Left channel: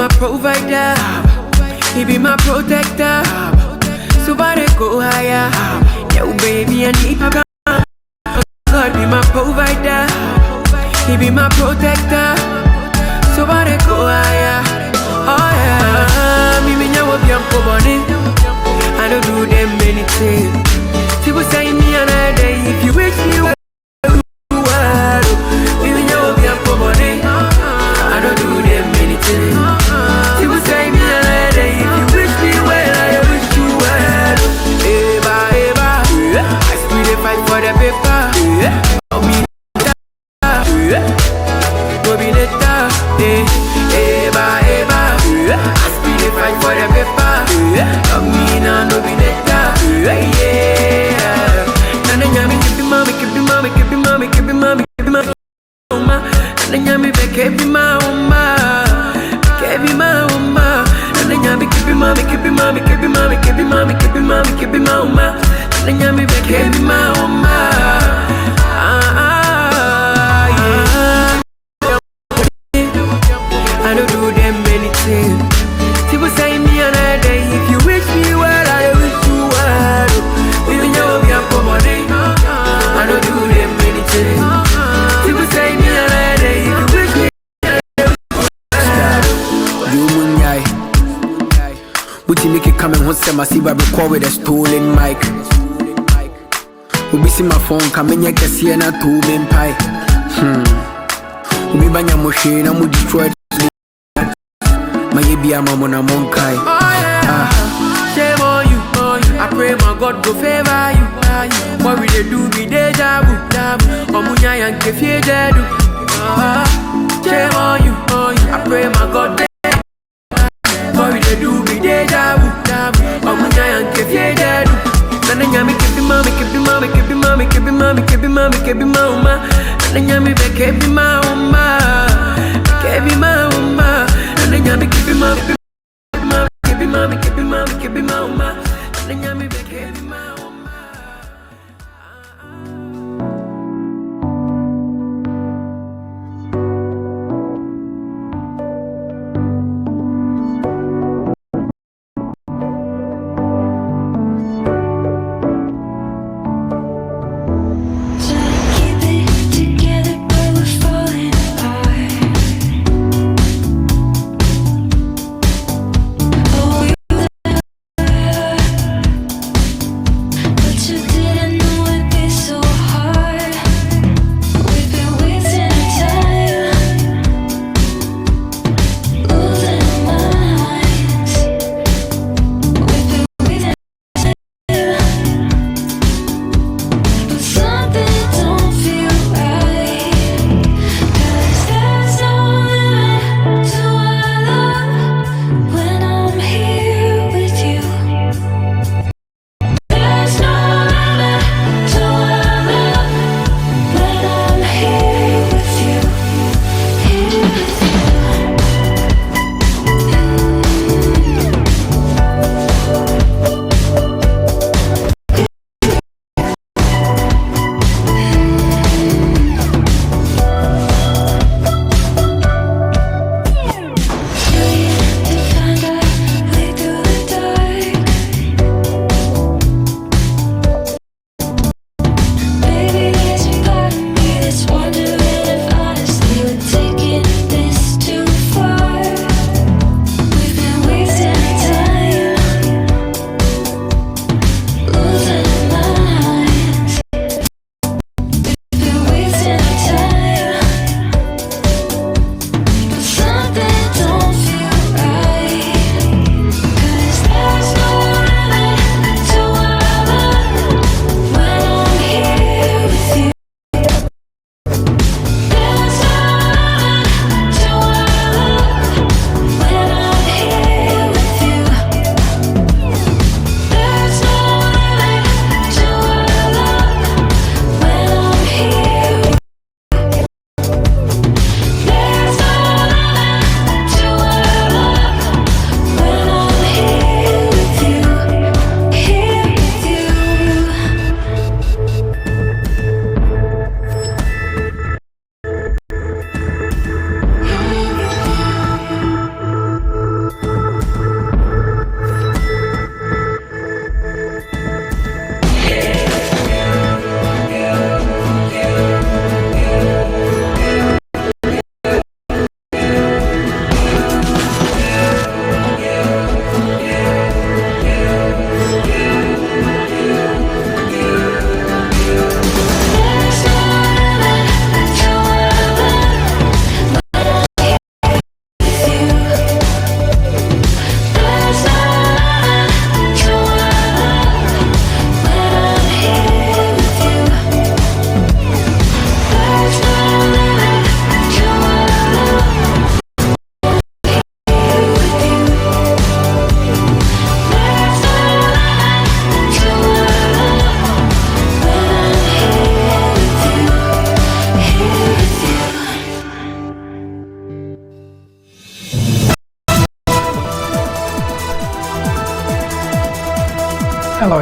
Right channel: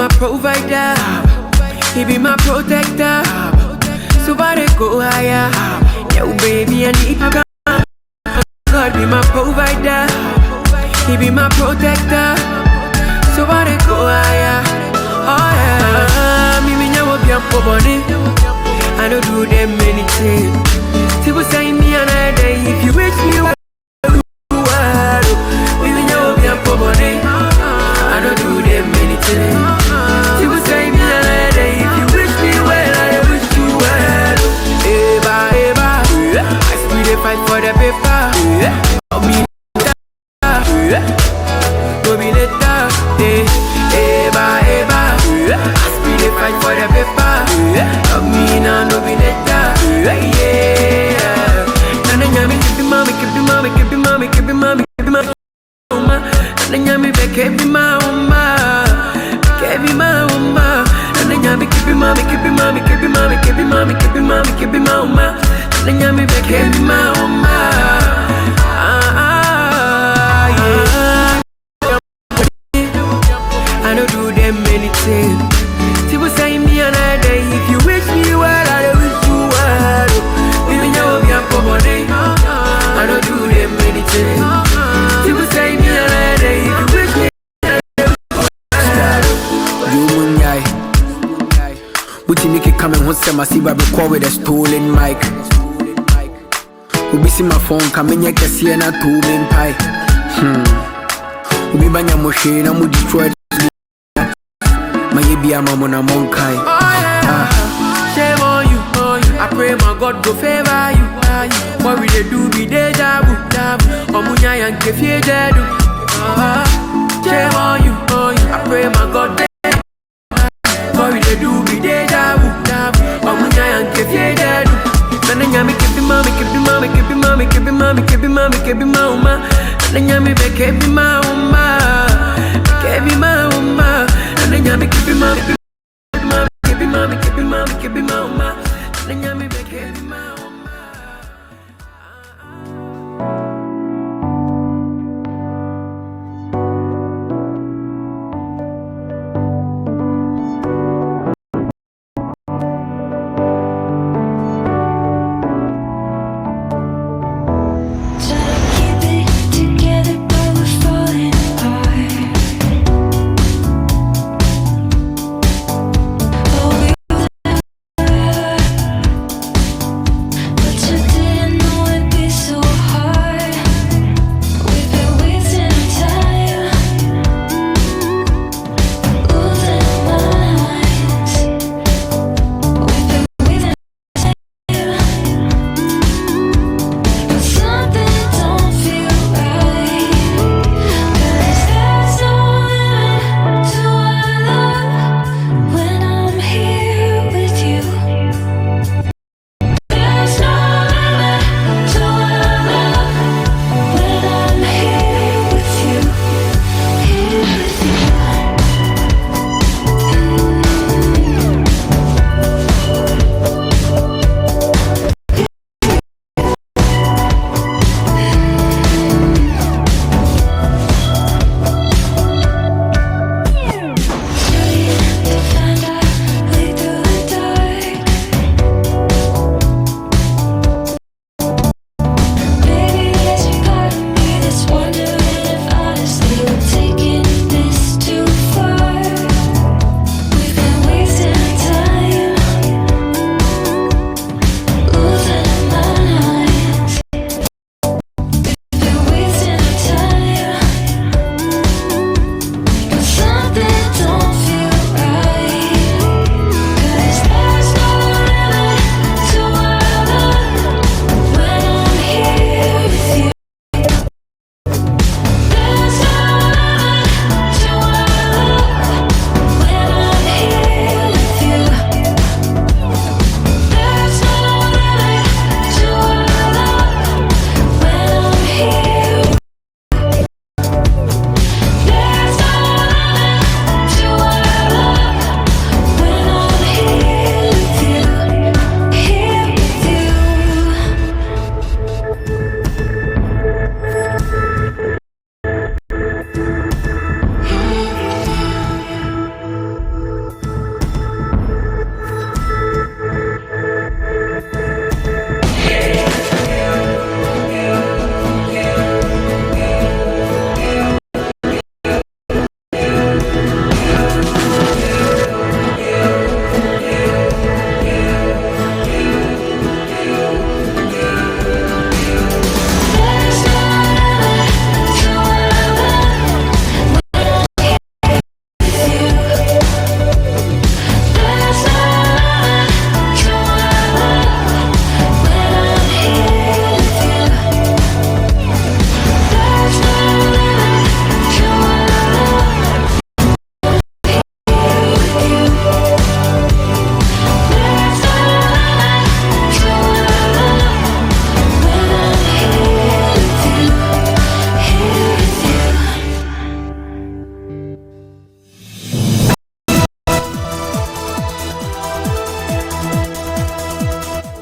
my provider, he be my protector. So why they go higher? Yo, baby, I need my God be my provider, he be my protector. So why they go higher? Oh yeah, me nyawo biampo boni. I don't do them anything. People say me another day if you wish me well. Me nyawo biampo boni. I don't do them anything. People say me another day if you wish me well, I wish you well. Eva, Eva, I still dey fight for the paper. Me go be later. Eva, Eva, I still dey fight for the paper. Me now no be later. Yeah. Nana nyami kebi mami, kebi mami, kebi mami, kebi mami, kebi mami. Nana nyami be kebi mama, kebi mama. Nana nyami kebi mami, kebi mami, kebi mami, kebi mami, kebi mami, kebi mama. Nana nyami be kebi mama. I don't do them anything. People say me another day if you wish me well, I wish you well. Even though we are poor, I don't do them anything. People say me another day if you wish me well. You munyai, but you make it come and want some massive record with a stolen mic. We be see my phone coming here, can see na two main pie. We be banya machine, I'm with Detroit. My baby, I'm on a monkai. Shame on you, I pray my God go favor you. What we they do be deja vu. Omunya yanke fie dedu. Shame on you, I pray my God. What we they do be deja vu. Omunya yanke fie dedu. Nana nyami kebi mami, kebi mami, kebi mami, kebi mami, kebi mami, kebi mama. Nana nyami be kebi mama, kebi mama. Nana nyami kebi mami, kebi mami, kebi mami, kebi mama. Nana nyami be kebi mama.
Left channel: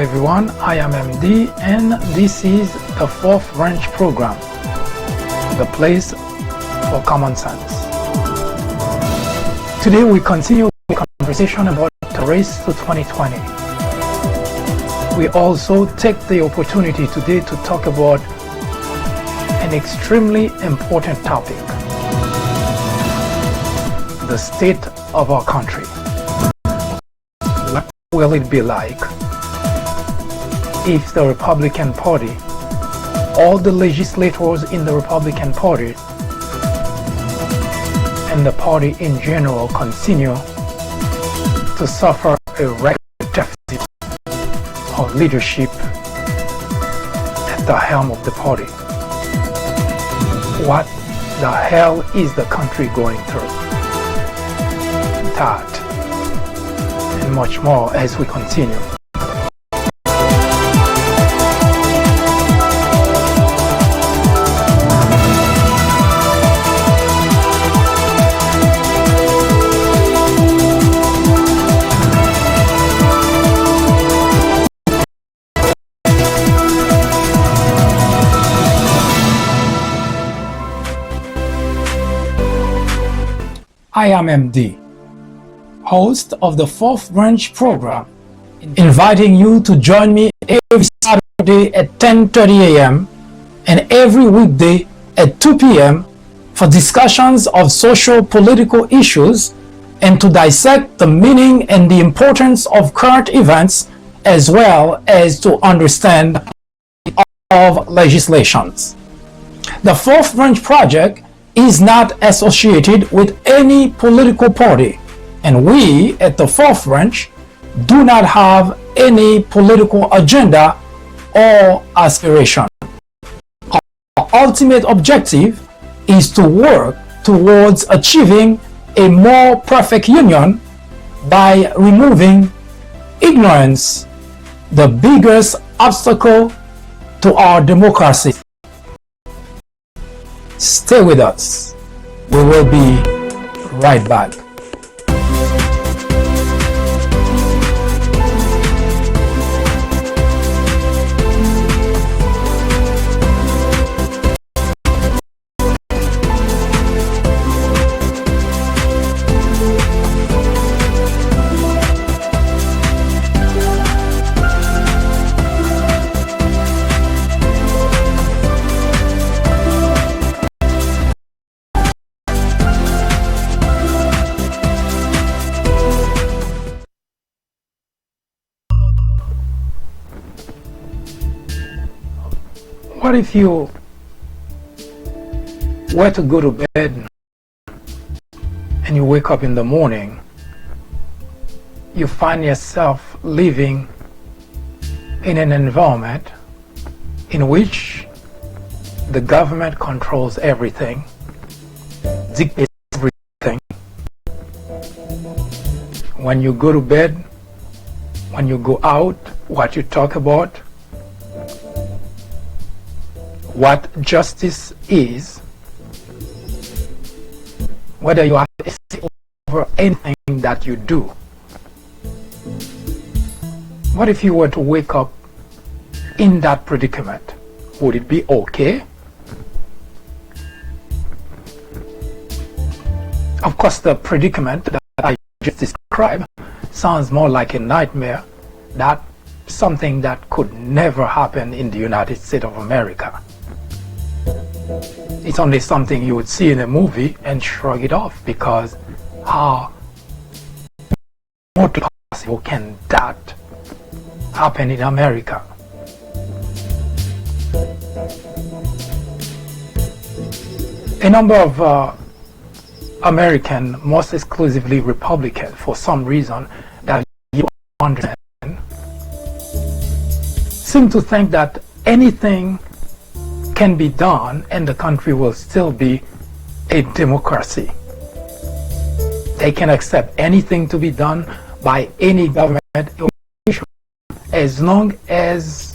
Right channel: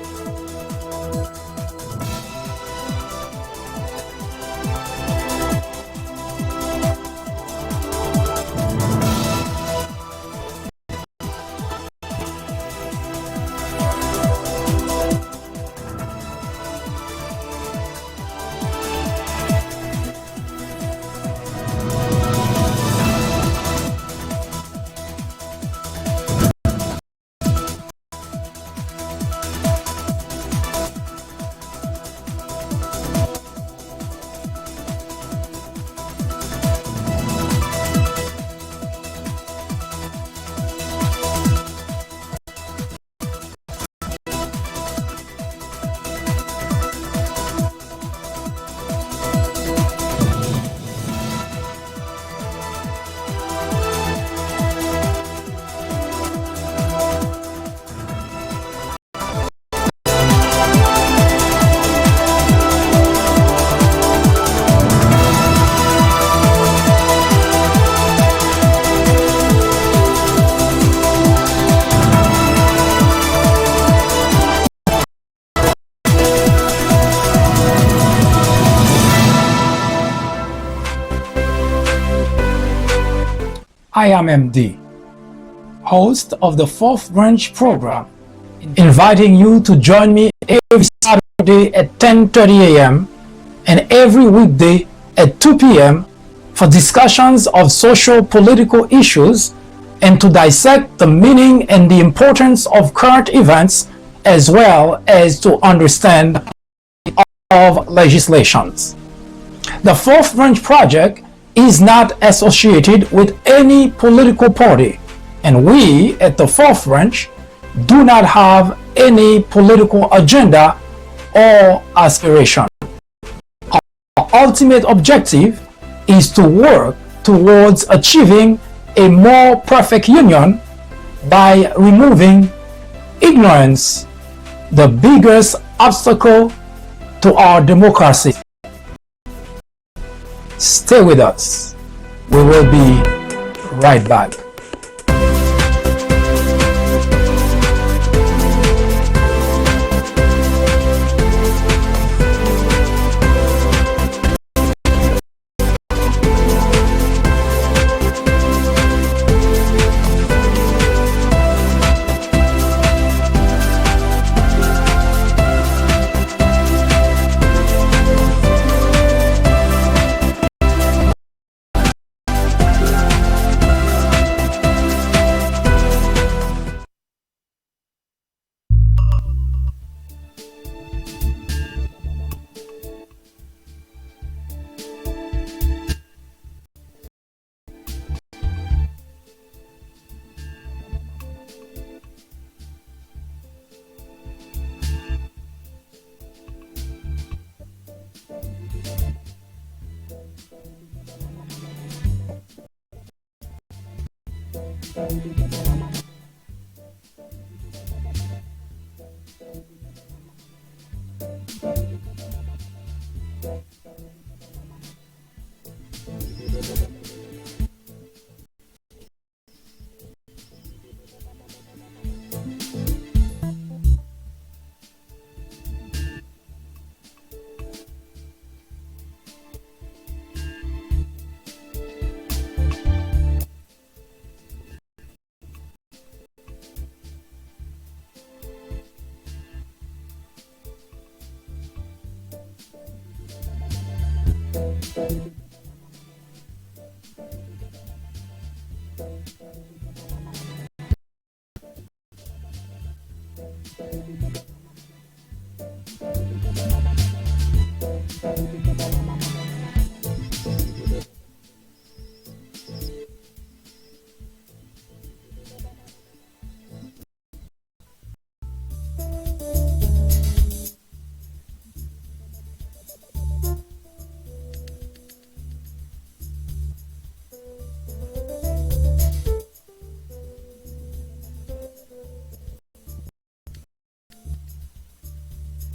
everyone, I am MD and this is the Fourth Branch program, the place for common sense. Today we continue the conversation about the race to 2020. We also take the opportunity today to talk about an extremely important topic, the state of our country. What will it be like if the Republican Party, all the legislators in the Republican Party, and the party in general continue to suffer a record deficit of leadership at the helm of the party? What the hell is the country going through? That and much more as we continue. I am MD, host of the Fourth Branch program, inviting you to join me every Saturday at 10:30 a.m. and every weekday at 2 p.m. for discussions of social political issues and to dissect the meaning and the importance of current events as well as to understand of legislations. The Fourth Branch Project is not associated with any political party, and we at the Fourth Branch do not have any political agenda or aspiration. Our ultimate objective is to work towards achieving a more perfect union by removing ignorance, the biggest obstacle to our democracy. Stay with us. We will be right back. What if you were to go to bed and you wake up in the morning, you find yourself living in an environment in which the government controls everything, dictates everything. When you go to bed, when you go out, what you talk about, what justice is, whether you have to say over anything that you do. What if you were to wake up in that predicament? Would it be okay? Of course, the predicament that I just described sounds more like a nightmare, that something that could never happen in the United States of America. It's only something you would see in a movie and shrug it off, because how possible can that happen in America? A number of American, most exclusively Republican, for some reason that you understand, seem to think that anything can be done and the country will still be a democracy. They can accept anything to be done by any government official as long as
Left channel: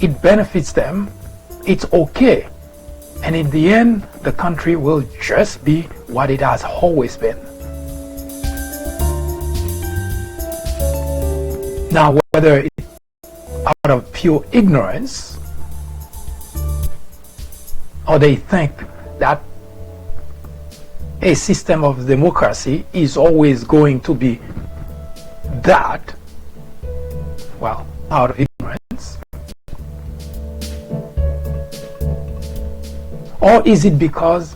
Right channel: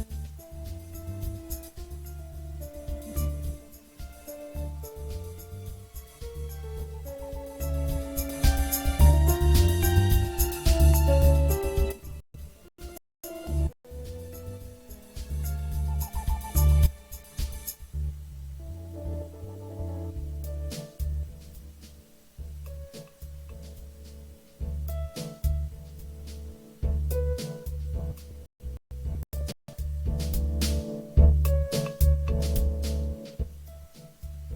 it benefits them. It's okay, and in the end the country will just be what it has always been. Now, whether it's out of pure ignorance, or they think that a system of democracy is always going to be that, well, out of ignorance? Or is it because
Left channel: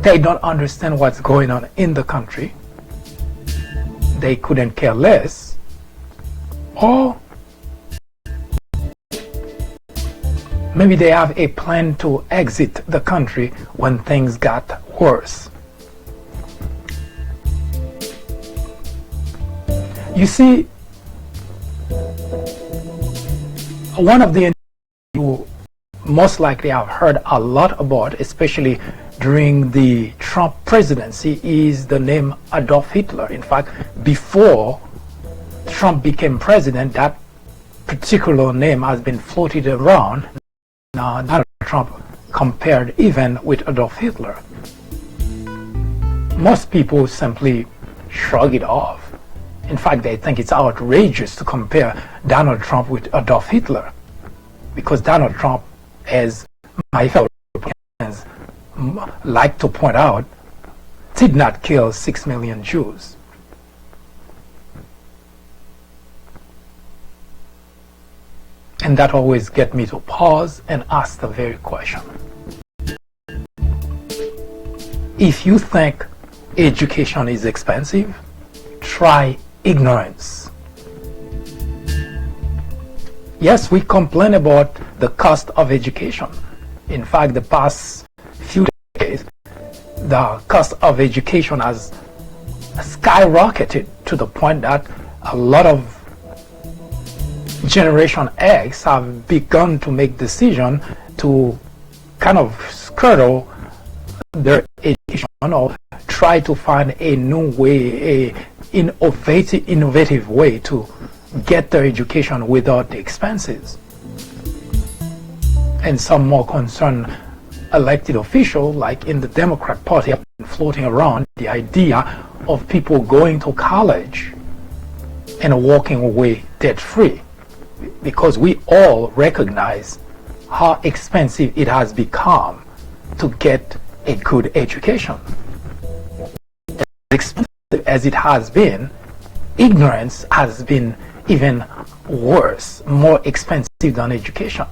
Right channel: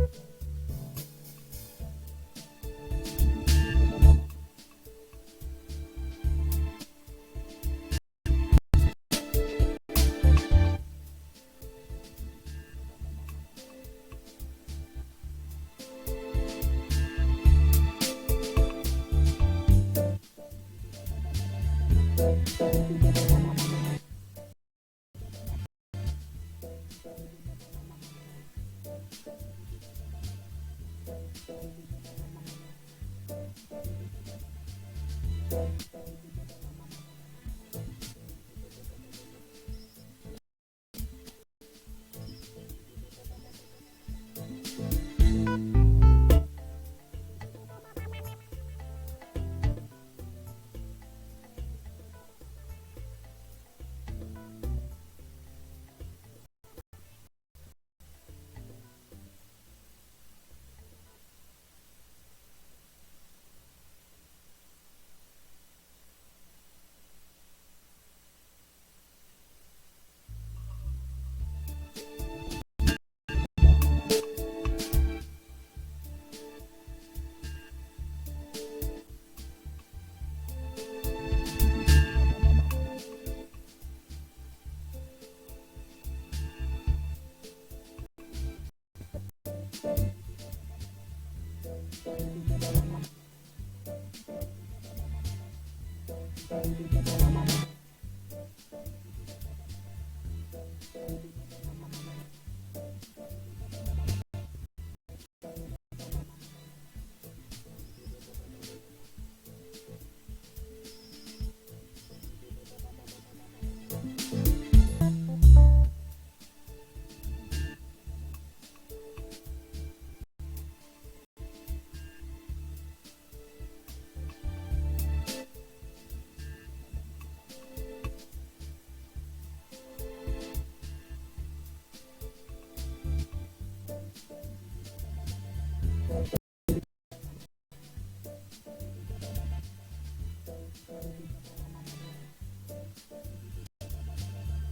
they don't understand what's going on in the country? They couldn't care less? Or maybe they have a plan to exit the country when things got worse. You see, one of the you most likely have heard a lot about, especially during the Trump presidency, is the name Adolf Hitler. In fact, before Trump became president, that particular name has been floated around. Donald Trump compared even with Adolf Hitler. Most people simply shrug it off. In fact, they think it's outrageous to compare Donald Trump with Adolf Hitler, because Donald Trump, as my fellow Republicans like to point out, did not kill 6 million Jews. And that always gets me to pause and ask the very question. If you think education is expensive, try ignorance. Yes, we complain about the cost of education. In fact, the past few decades, the cost of education has skyrocketed to the point that a lot of Generation X have begun to make decisions to kind of scuttle their education or try to find a new way, a innovative way to get their education without the expenses. And some more concerned elected officials, like in the Democrat Party, have been floating around the idea of people going to college and walking away debt-free, because we all recognize how expensive it has become to get a good education. As expensive as it has been, ignorance has been even worse, more expensive than education.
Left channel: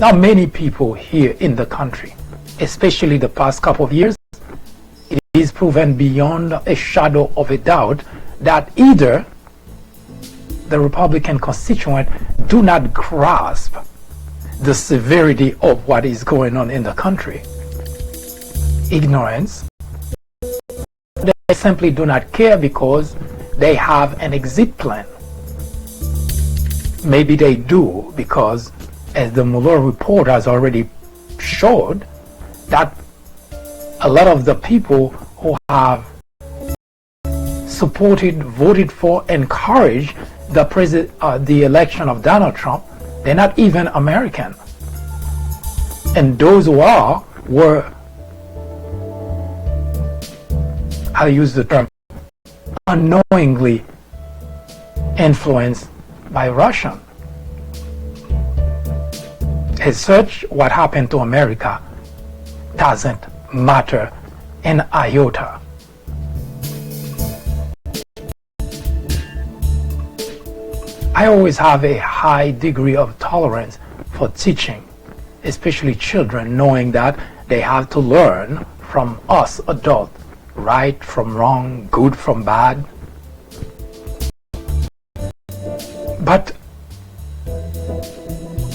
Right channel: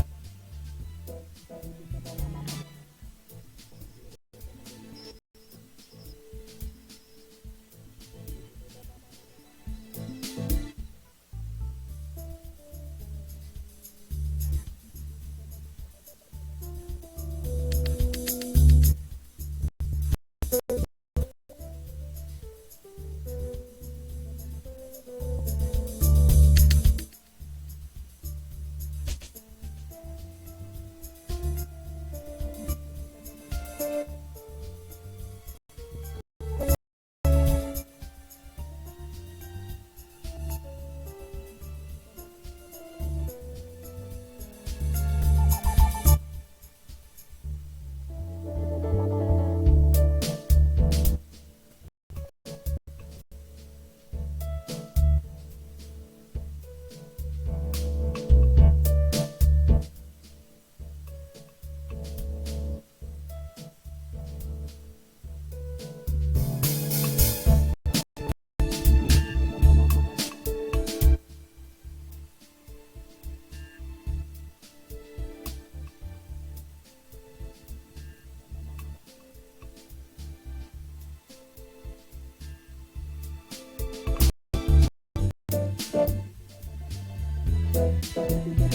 Now, many people here in the country, especially the past couple of years, it is proven beyond a shadow of a doubt that either the Republican constituents do not grasp the severity of what is going on in the country. Ignorance. They simply do not care because they have an exit plan. Maybe they do because, as the Mueller report has already showed, that a lot of the people who have supported, voted for, encouraged the election of Donald Trump, they're not even American. And those who are were, I'll use the term, unknowingly influenced by Russia. As such, what happened to America doesn't matter an iota. I always have a high degree of tolerance for teaching, especially children, knowing that they have to learn from us adults, right from wrong, good from bad. But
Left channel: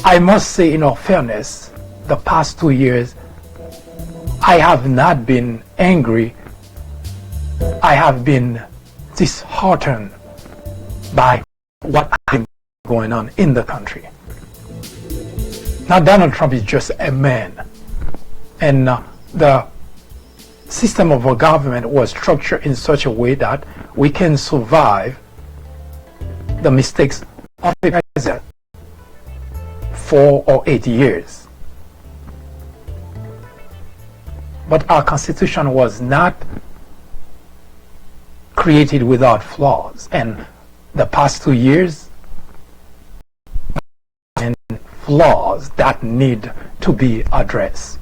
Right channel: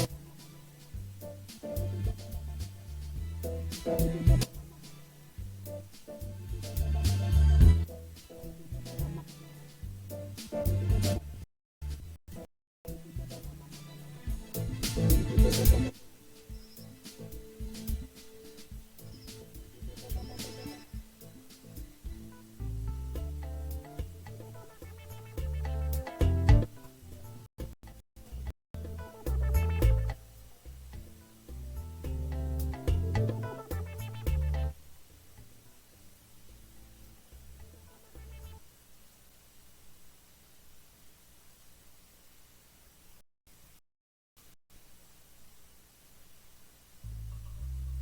I must say, in all fairness, the past 2 years, I have not been angry. I have been disheartened by what is going on in the country. Now, Donald Trump is just a man, and the system of our government was structured in such a way that we can survive the mistakes of the president 4 or 8 years. But our Constitution was not created without flaws, and the past 2 years and flaws that need to be addressed.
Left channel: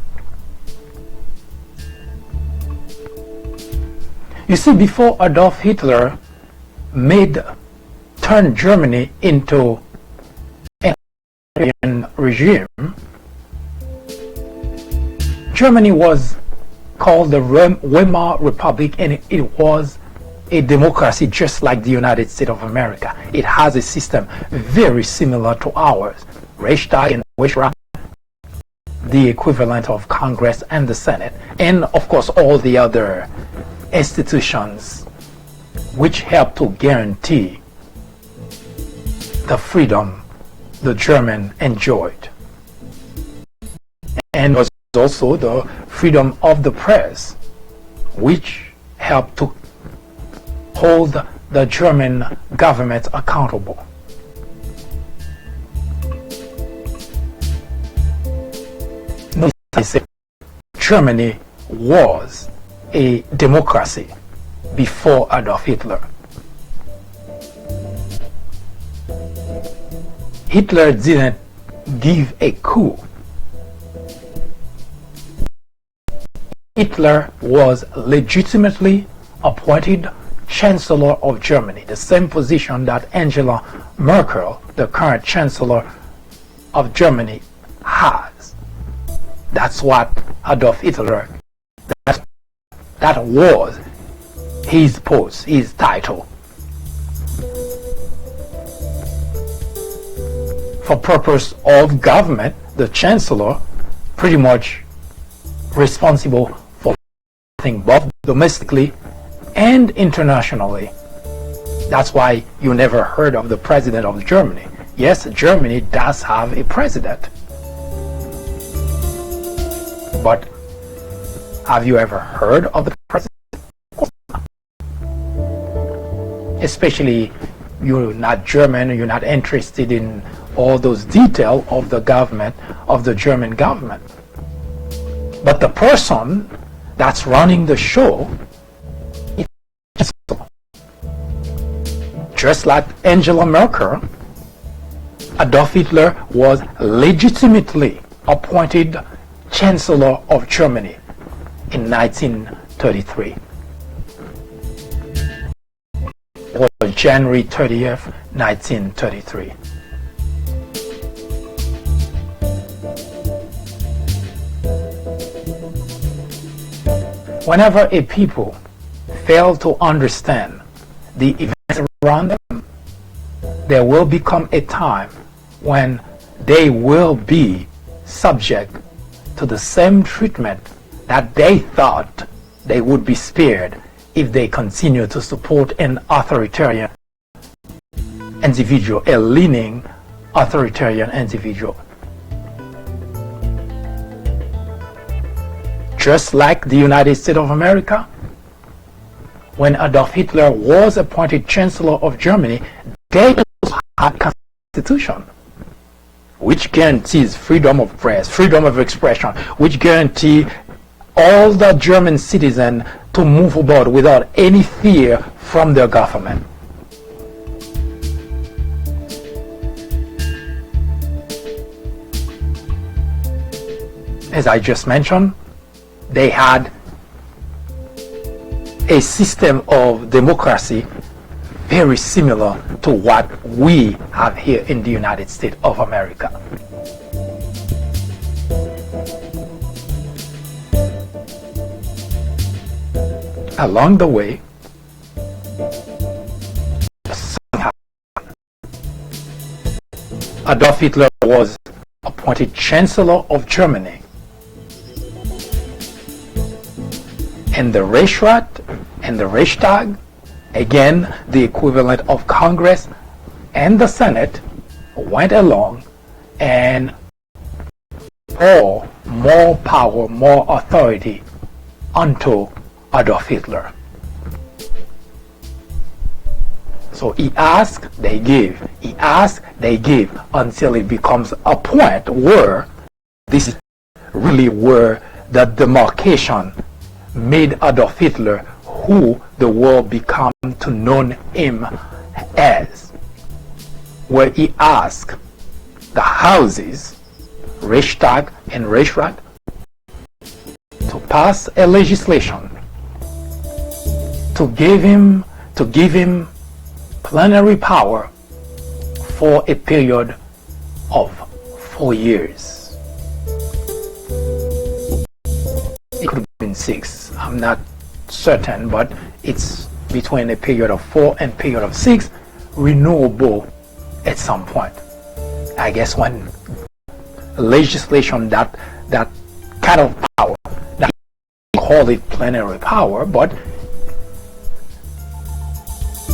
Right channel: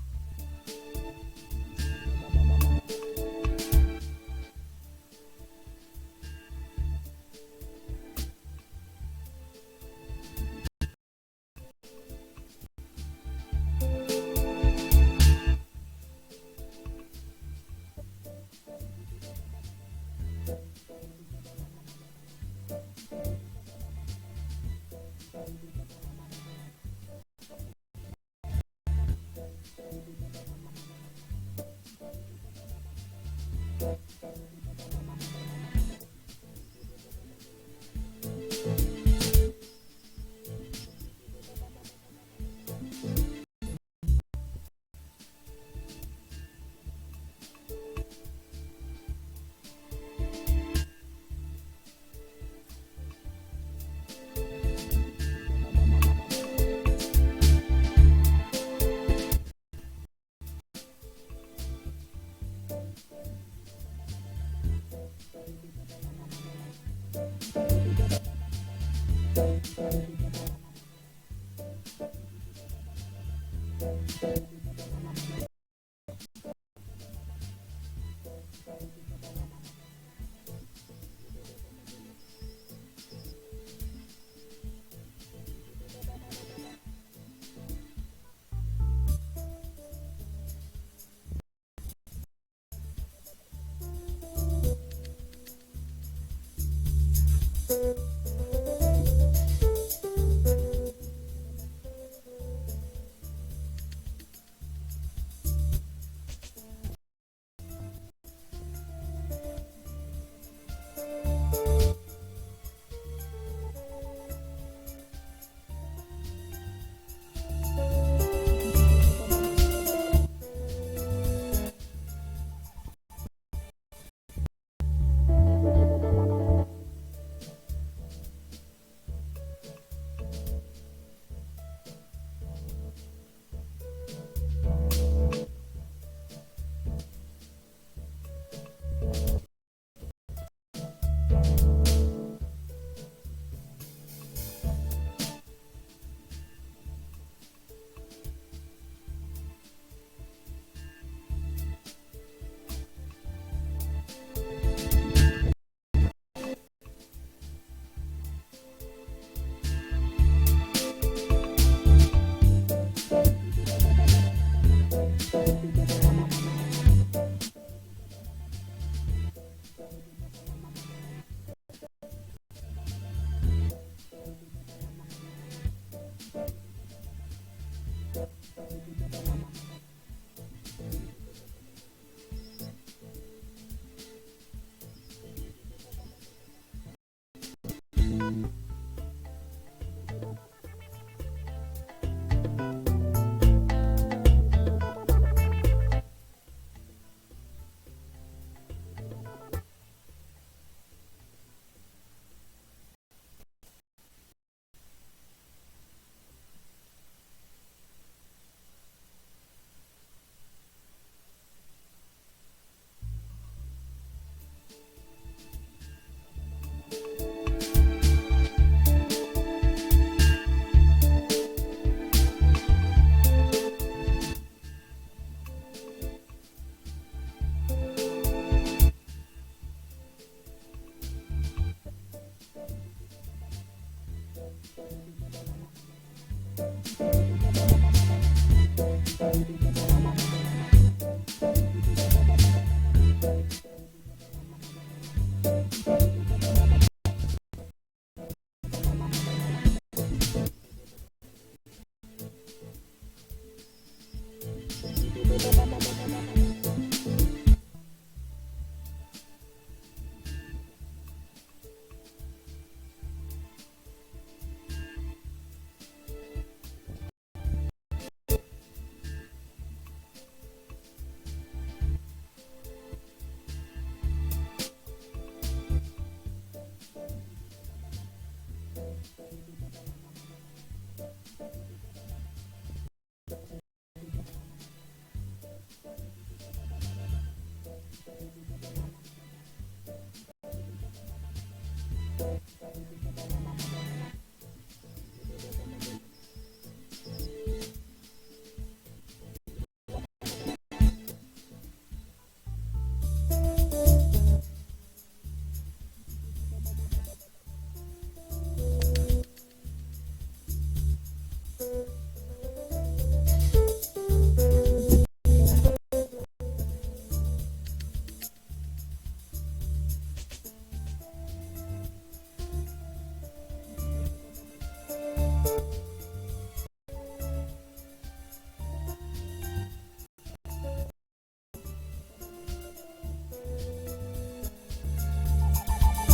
You see, before Adolf Hitler turned Germany into an authoritarian regime, Germany was called the Weimar Republic, and it was a democracy just like the United States of America. It has a system very similar to ours. Reichstag and Reichsrat, the equivalent of Congress and the Senate, and of course all the other institutions which help to guarantee the freedom the German enjoyed. And was also the freedom of the press, which helped to hold the German government accountable. I say Germany was a democracy before Adolf Hitler. Hitler didn't give a coup. Hitler was legitimately appointed Chancellor of Germany, the same position that Angela Merkel, the current Chancellor of Germany, has. That's what Adolf Hitler, that was his post, his title. For purpose of government, the Chancellor pretty much responsible for everything, both domestically and internationally. That's why you never heard of the President of Germany. Yes, Germany does have a president. But have you ever heard of the president? Especially you're not German, you're not interested in all those details of the government, of the German government. But the person that's running the show is just like Angela Merkel. Adolf Hitler was legitimately appointed Chancellor of Germany in 1933. It was January 30th, 1933. Whenever a people fail to understand the events around them, there will become a time when they will be subject to the same treatment that they thought they would be spared if they continue to support an authoritarian individual, a leaning authoritarian individual. Just like the United States of America, when Adolf Hitler was appointed Chancellor of Germany, they had a constitution which guarantees freedom of press, freedom of expression, which guarantee all the German citizens to move about without any fear from their government. As I just mentioned, they had a system of democracy very similar to what we have here in the United States of America. Along the way, Adolf Hitler was appointed Chancellor of Germany, and the Reichsrat and the Reichstag, again the equivalent of Congress and the Senate, went along and pour more power, more authority onto Adolf Hitler. So he asked, they give. He asked, they give, until it becomes a point where this is really where the demarcation made Adolf Hitler who the world became to know him as, where he asked the houses, Reichstag and Reichsrat, to pass a legislation to give him plenary power for a period of 4 years. It could have been 6, I'm not certain, but it's between a period of 4 and period of 6, renewable at some point. I guess when legislation that kind of power, that call it plenary power, but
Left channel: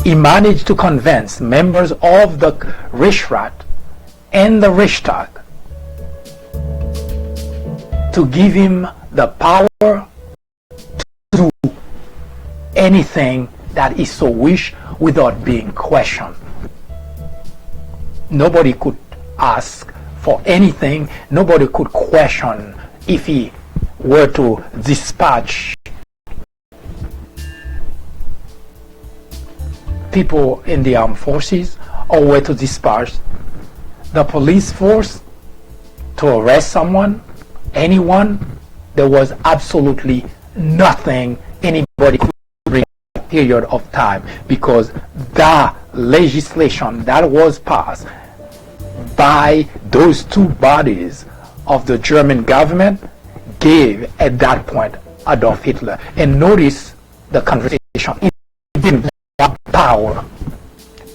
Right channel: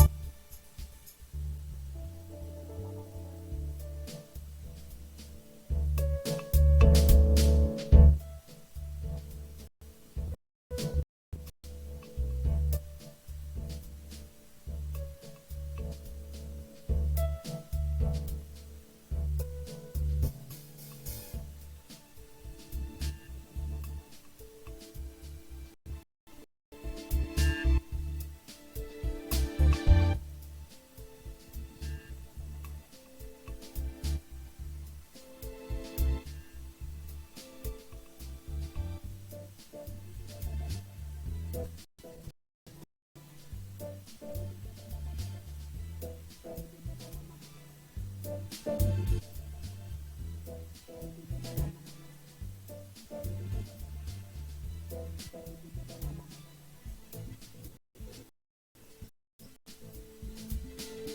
he managed to convince members of the Reichsrat and the Reichstag to give him the power to do anything that he so wish without being questioned. Nobody could ask for anything, nobody could question if he were to dispatch people in the armed forces or were to dispatch the police force to arrest someone, anyone. There was absolutely nothing anybody could bring in a period of time, because the legislation that was passed by those two bodies of the German government gave at that point Adolf Hitler. And notice the conversation. He didn't want power.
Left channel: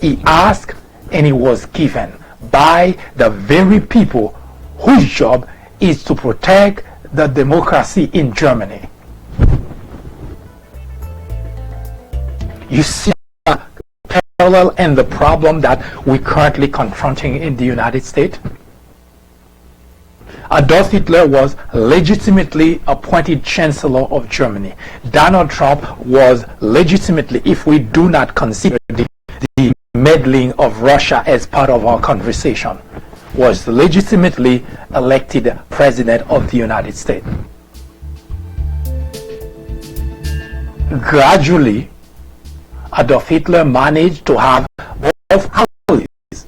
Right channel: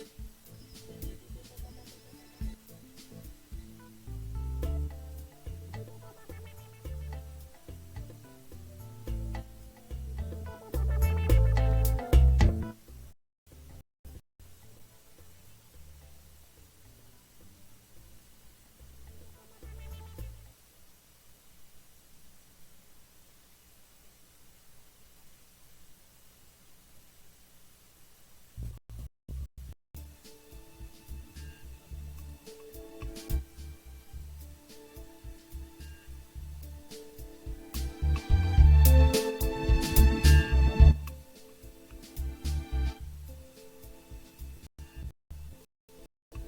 He asked and he was given by the very people whose job is to protect the democracy in Germany. You see the parallel and the problem that we're currently confronting in the United States? Adolf Hitler was legitimately appointed Chancellor of Germany. Donald Trump was legitimately, if we do not consider the meddling of Russia as part of our conversation, was legitimately elected President of the United States. Gradually, Adolf Hitler managed to have both houses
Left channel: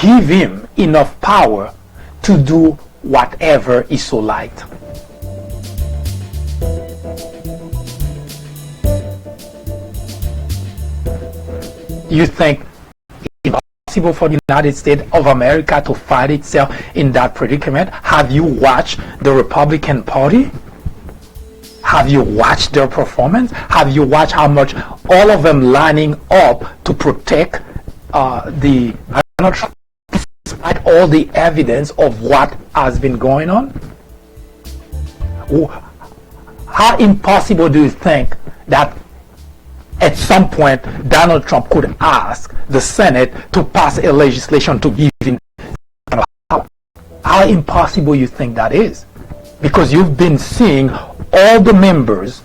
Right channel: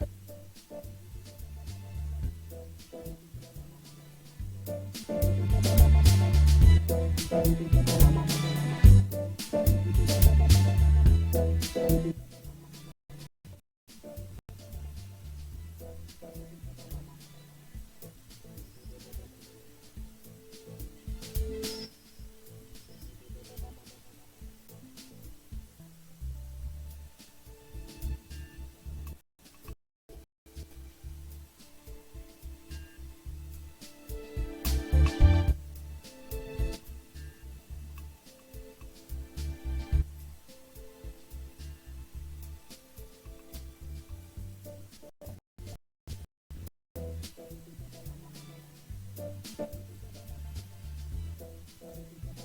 give him enough power to do whatever he so liked. You think it's impossible for the United States of America to find itself in that predicament? Have you watched the Republican Party? Have you watched their performance? Have you watched how much all of them lining up to protect the Donald Trump, despite all the evidence of what has been going on? How impossible do you think that at some point Donald Trump could ask the Senate to pass a legislation to give him power? How impossible you think that is? Because you've been seeing all the members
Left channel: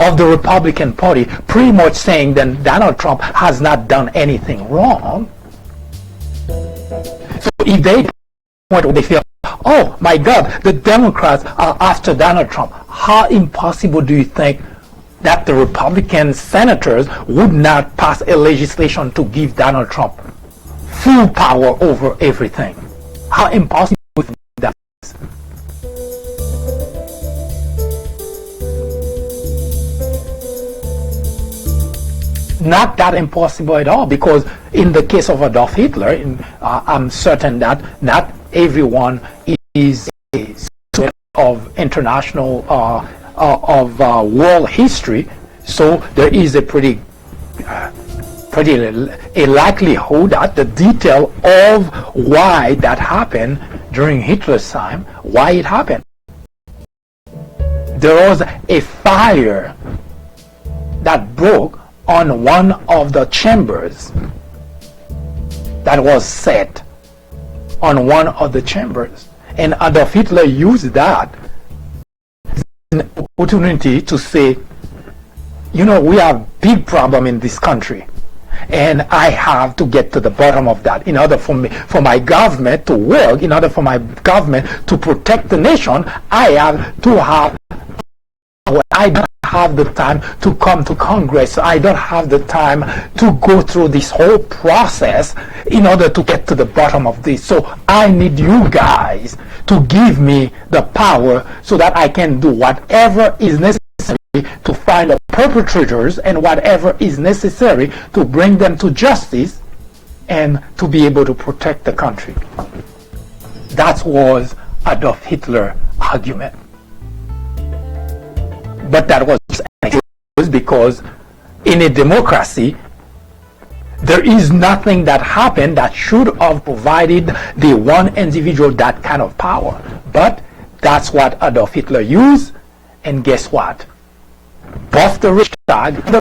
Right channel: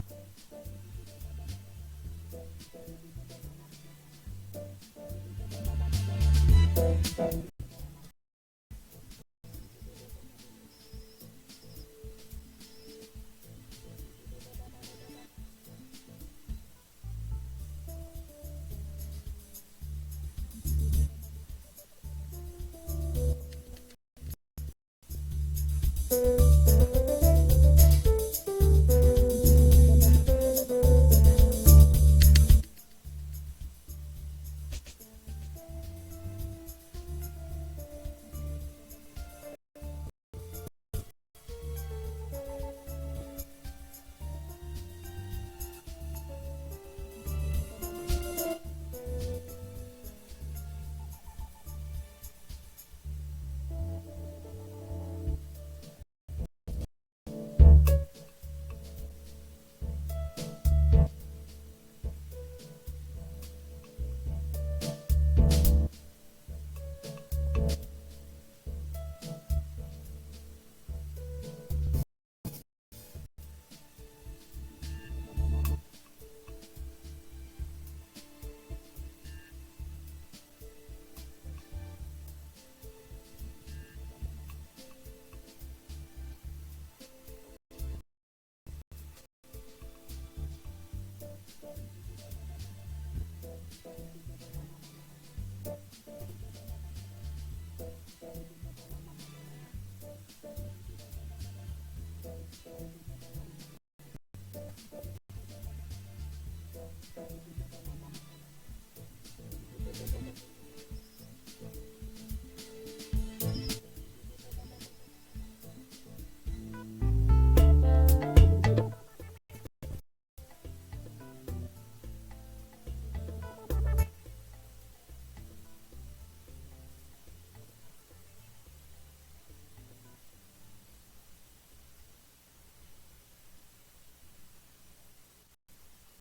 of the Republican Party pretty much saying that Donald Trump has not done anything wrong. So if they point where they feel, oh my God, the Democrats are after Donald Trump, how impossible do you think that the Republican senators would not pass a legislation to give Donald Trump full power over everything? How impossible that is? Not that impossible at all, because in the case of Adolf Hitler, I'm certain that not everyone is a student of international world history, so there is a pretty a likelihood that the detail of why that happened during Hitler's time, why it happened. There was a fire that broke on one of the chambers, that was set on one of the chambers, and Adolf Hitler used that as an opportunity to say, you know, we have big problem in this country, and I have to get to the bottom of that in order for my government to work, in order for my government to protect the nation. I have to have I don't have the time to come to Congress. I don't have the time to go through this whole process in order to get to the bottom of this. So I need you guys to give me the power so that I can do whatever is necessary to find the perpetrators and whatever is necessary to bring them to justice and to be able to protect the country. That was Adolf Hitler's argument. But that was because in a democracy, there is nothing that happened that should have provided the one individual that kind of power. But that's what Adolf Hitler used, and guess what? Both the Reichstag and the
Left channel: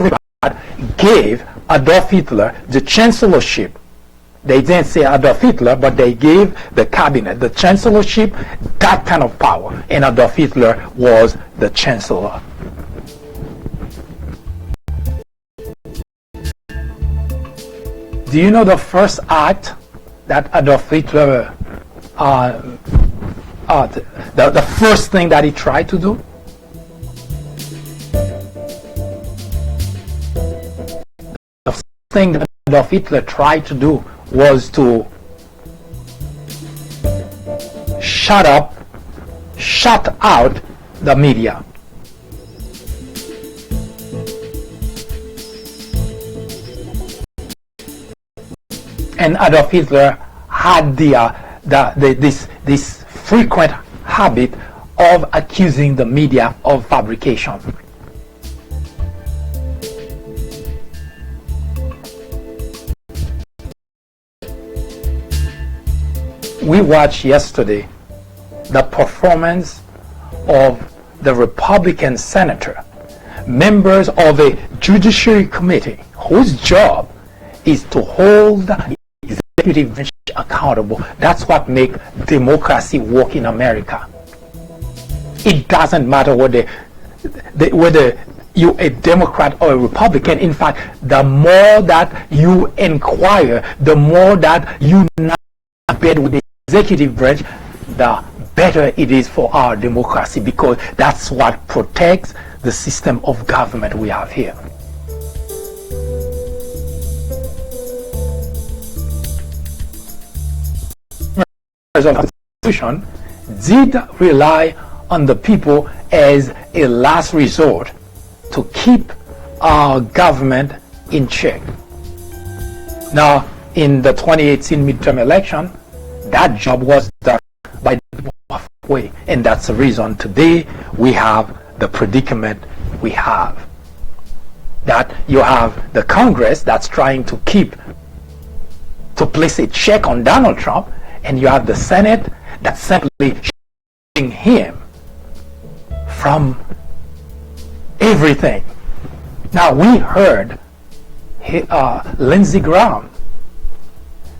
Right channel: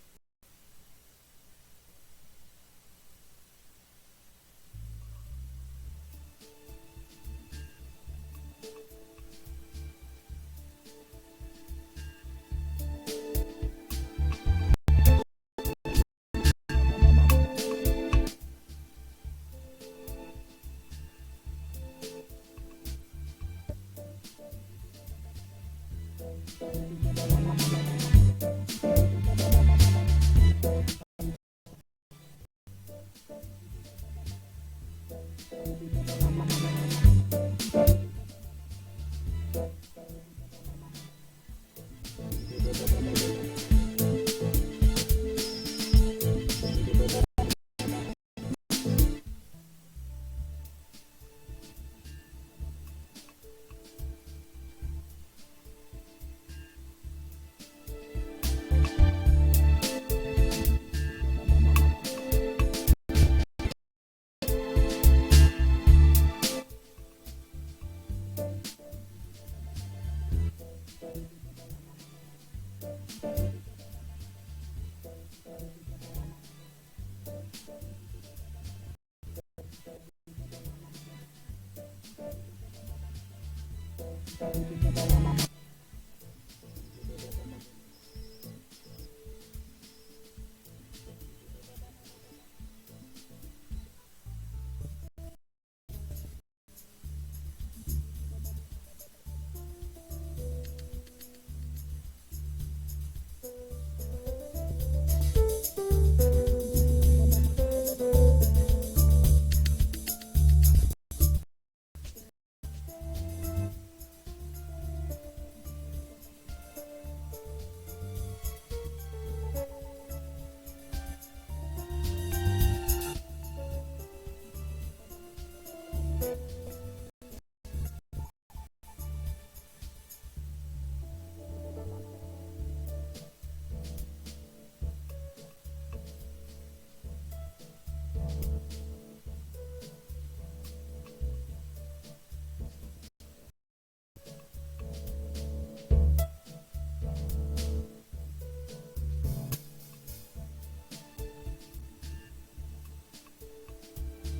Reichstag gave Adolf Hitler the chancellorship. They didn't say Adolf Hitler, but they gave the cabinet, the chancellorship, that kind of power. And Adolf Hitler was the chancellor. Do you know the first act that Adolf Hitler, the first thing that he tried to do? The first thing that Adolf Hitler tried to do was to shut out the media. And Adolf Hitler had this frequent habit of accusing the media of fabrication. We watched yesterday the performance of the Republican senator, members of a judiciary committee whose job is to hold the executive branch accountable. That's what makes democracy work in America. It doesn't matter whether you're a Democrat or a Republican. In fact, the more that you inquire, the more that you bed with the executive branch, the better it is for our democracy, because that's what protects the system of government we have here. Of the Constitution did rely on the people as a last resort to keep our government in check. Now, in the 2018 midterm election, that job was done by the people halfway, and that's the reason today we have the predicament we have. That you have the Congress that's trying to place a check on Donald Trump, and you have the Senate that's simply shielding him from everything. Now, we heard Lindsey Graham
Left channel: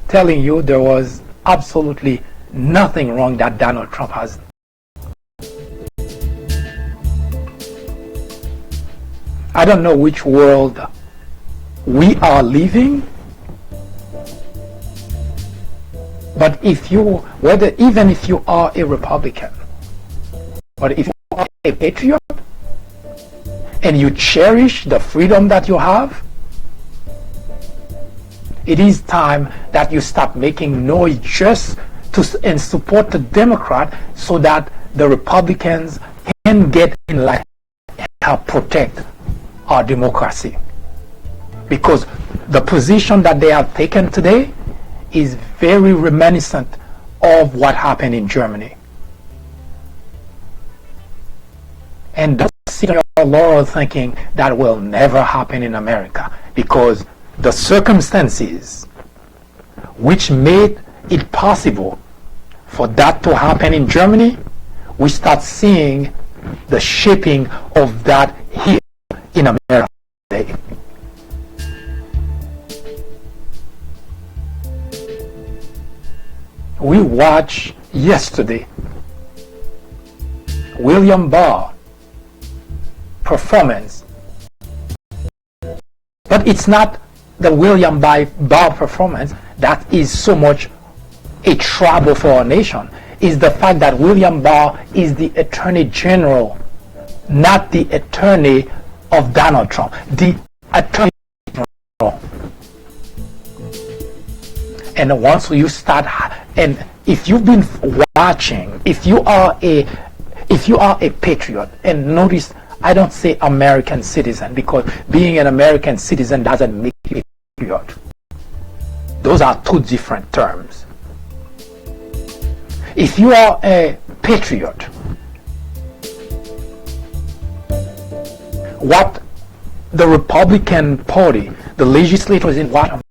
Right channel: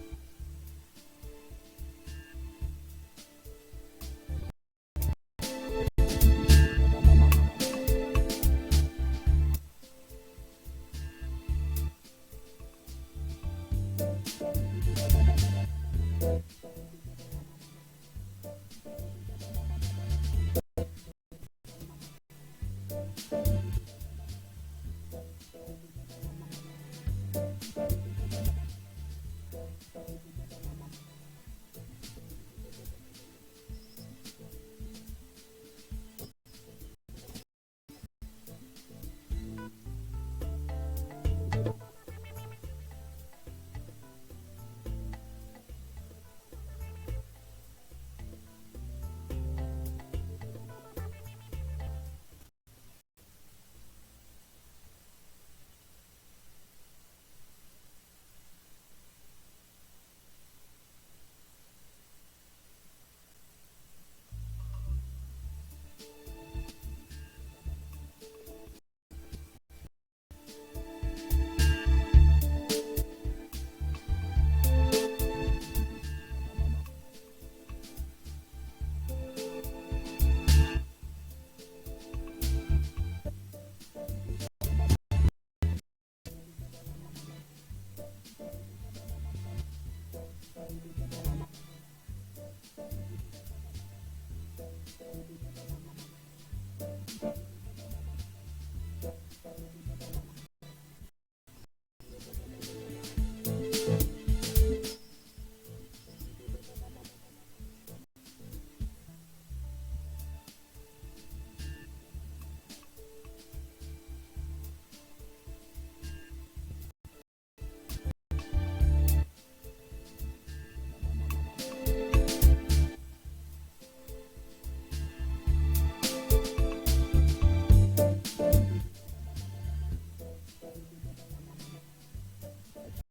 telling you there was absolutely nothing wrong that Donald Trump has. I don't know which world we are living, but even if you are a Republican, but if you are a patriot and you cherish the freedom that you have, it is time that you stop making noise just and support the Democrat so that the Republicans can get in line and help protect our democracy. Because the position that they have taken today is very reminiscent of what happened in Germany. And don't sit on your laurel thinking that will never happen in America, because the circumstances which made it possible for that to happen in Germany, we start seeing the shaping of that here in America today. We watched yesterday William Barr performance, but it's not the William Barr performance that is so much a trouble for our nation. Is the fact that William Barr is the Attorney General not the attorney of Donald Trump, the attorney general. And once you start, and if you've been watching, if you are a patriot, and notice I don't say American citizen, because being an American citizen doesn't make you a patriot. Those are two different terms. If you are a patriot, what the Republican Party, the legislators in Washington,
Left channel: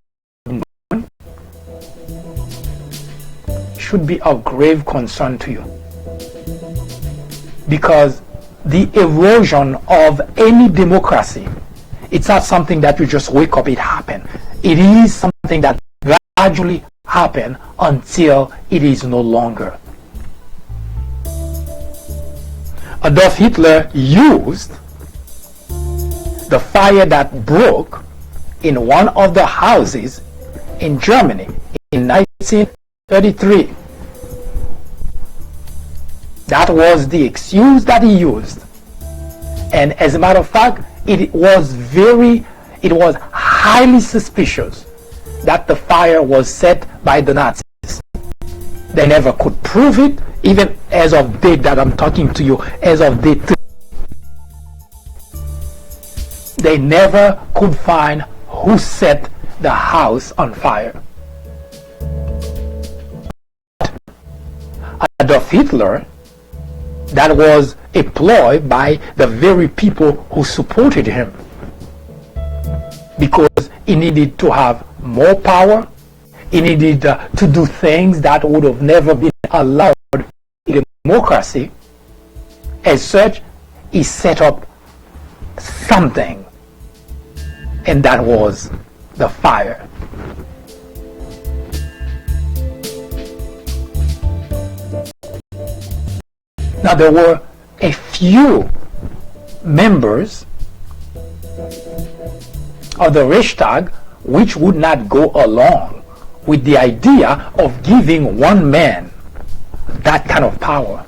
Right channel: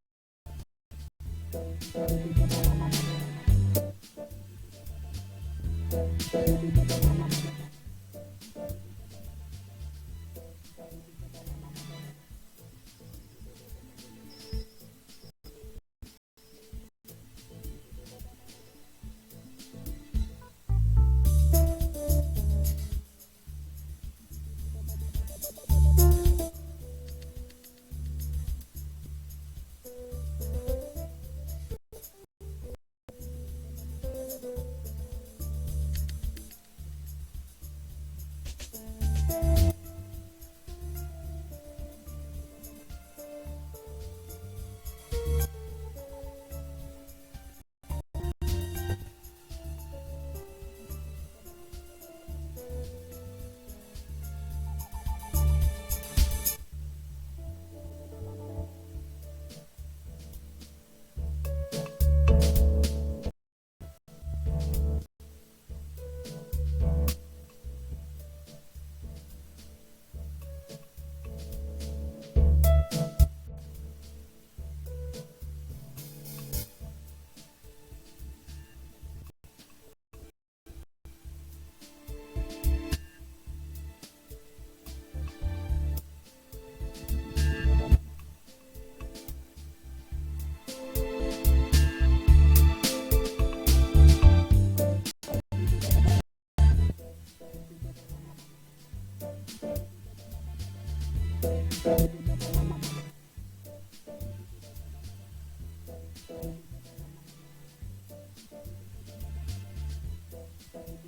should be of grave concern to you, because the erosion of any democracy, it's not something that you just wake up, it happened. It is something that gradually happens until it is no longer. Adolf Hitler used the fire that broke in one of the houses in Germany in 1933. That was the excuse that he used. And as a matter of fact, it was highly suspicious that the fire was set by the Nazis. They never could prove it, even as of date that I'm talking to you, as of date, they never could find who set the house on fire. Adolf Hitler, that was a ploy by the very people who supported him, because he needed to have more power. He needed to do things that would have never been allowed in democracy. As such, he set up something, and that was the fire. Now, there were a few members of the Reichstag which would not go along with the idea of giving one man that kind of power.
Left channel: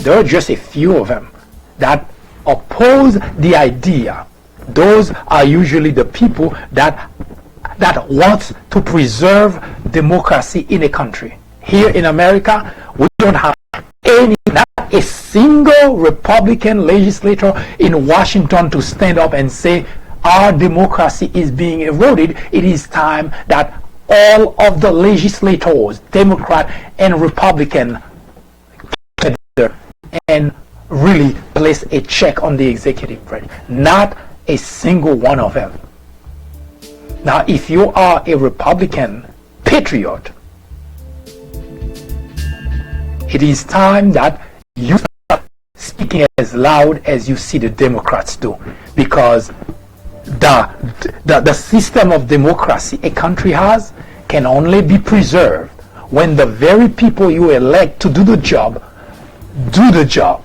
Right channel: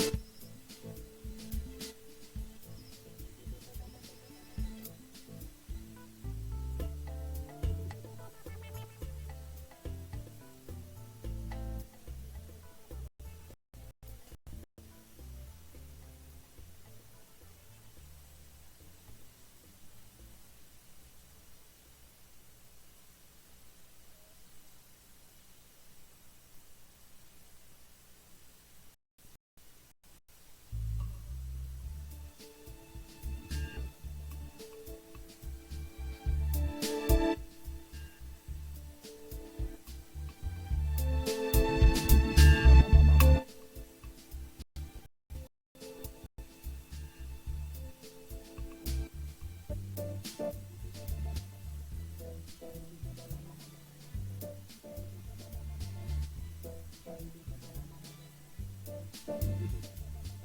There are just a few of them that oppose the idea. Those are usually the people that want to preserve democracy in a country. Here in America, we don't have not a single Republican legislator in Washington to stand up and say our democracy is being eroded. It is time that all of the legislators, Democrat and Republican, get together and really place a check on the executive branch. Not a single one of them. Now, if you are a Republican patriot, it is time that you start speaking as loud as you see the Democrats do, because the system of democracy a country has can only be preserved when the very people you elect to do the job do the job.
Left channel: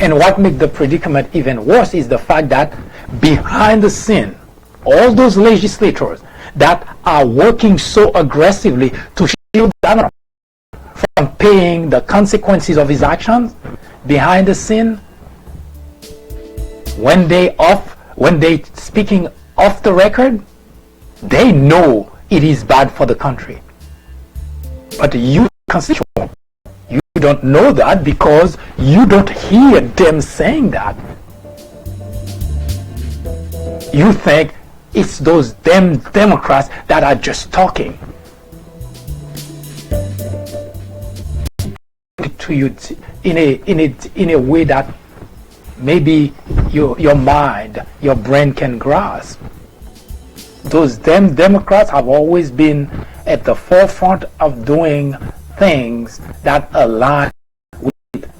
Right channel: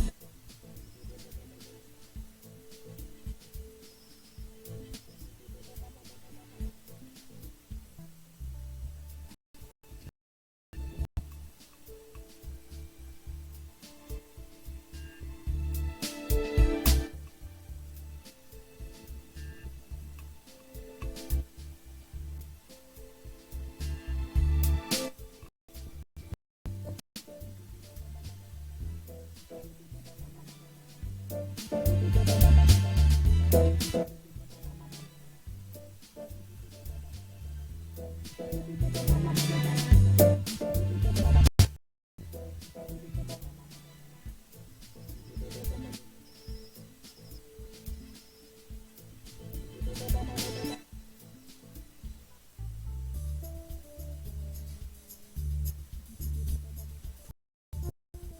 And what makes the predicament even worse is the fact that behind the scene, all those legislators that are working so aggressively to shield Donald Trump from paying the consequences of his actions, behind the scene, when they speaking off the record, they know it is bad for the country. But you, constituent, you don't know that because you don't hear them saying that. You think it's those damn Democrats that are just talking to you in a way that maybe your mind, your brain can grasp. Those damn Democrats have always been at the forefront of doing things that align with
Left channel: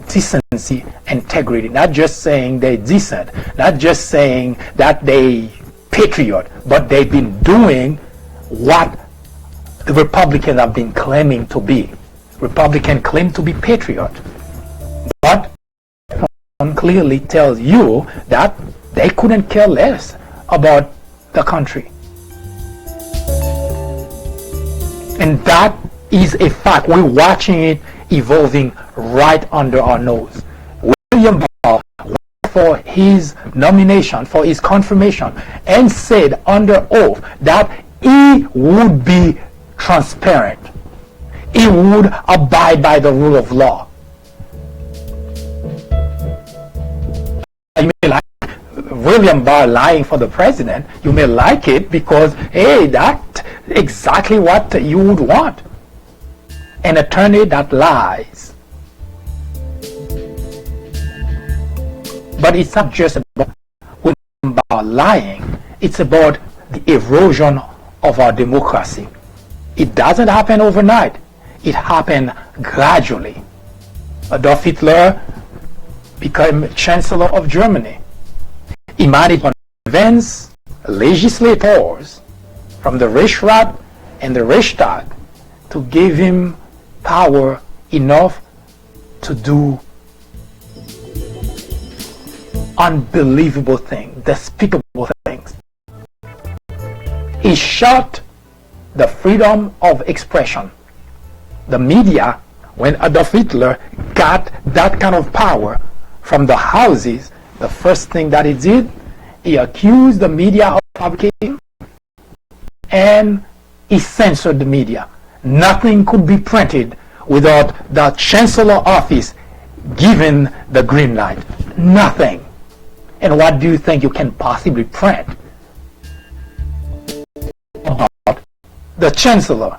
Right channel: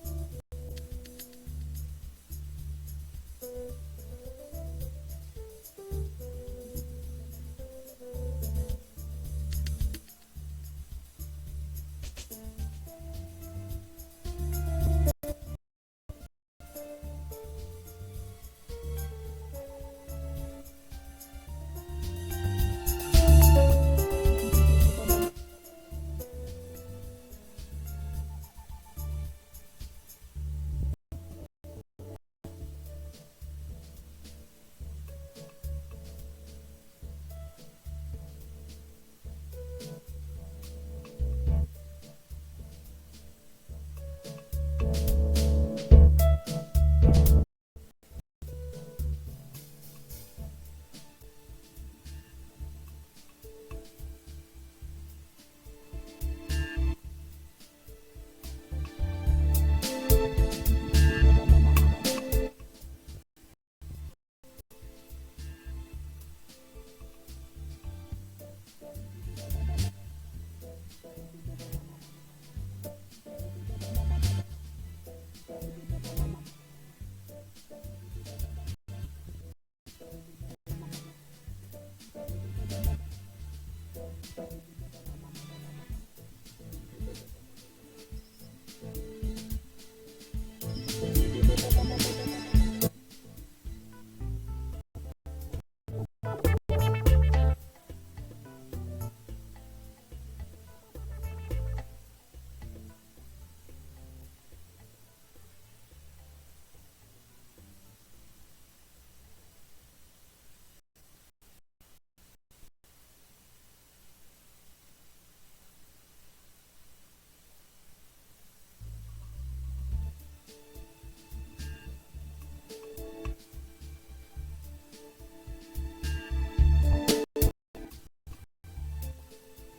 decency, integrity. Not just saying they're decent, not just saying that they patriot, but they've been doing what the Republicans have been claiming to be. Republicans claim to be patriot, but clearly tells you that they couldn't care less about the country. And that is a fact. We're watching it evolving right under our nose. William Barr for his nomination, for his confirmation, and said under oath that he would be transparent. He would abide by the rule of law. You may like William Barr lying for the president. You may like it because, hey, that's exactly what you would want. An attorney that lies. But it's not just about William Barr lying. It's about the erosion of our democracy. It doesn't happen overnight. It happened gradually. Adolf Hitler became Chancellor of Germany. He managed to convince legislators from the Reichsrat and the Reichstag to give him power enough to do unbelievable things, despicable things. He shut the freedom of expression. The media, when Adolf Hitler got that kind of power from the houses, the first thing that he did, he accused the media of fabricating, and he censored the media. Nothing could be printed without the Chancellor office giving the green light. Nothing. And what do you think you can possibly print about the Chancellor?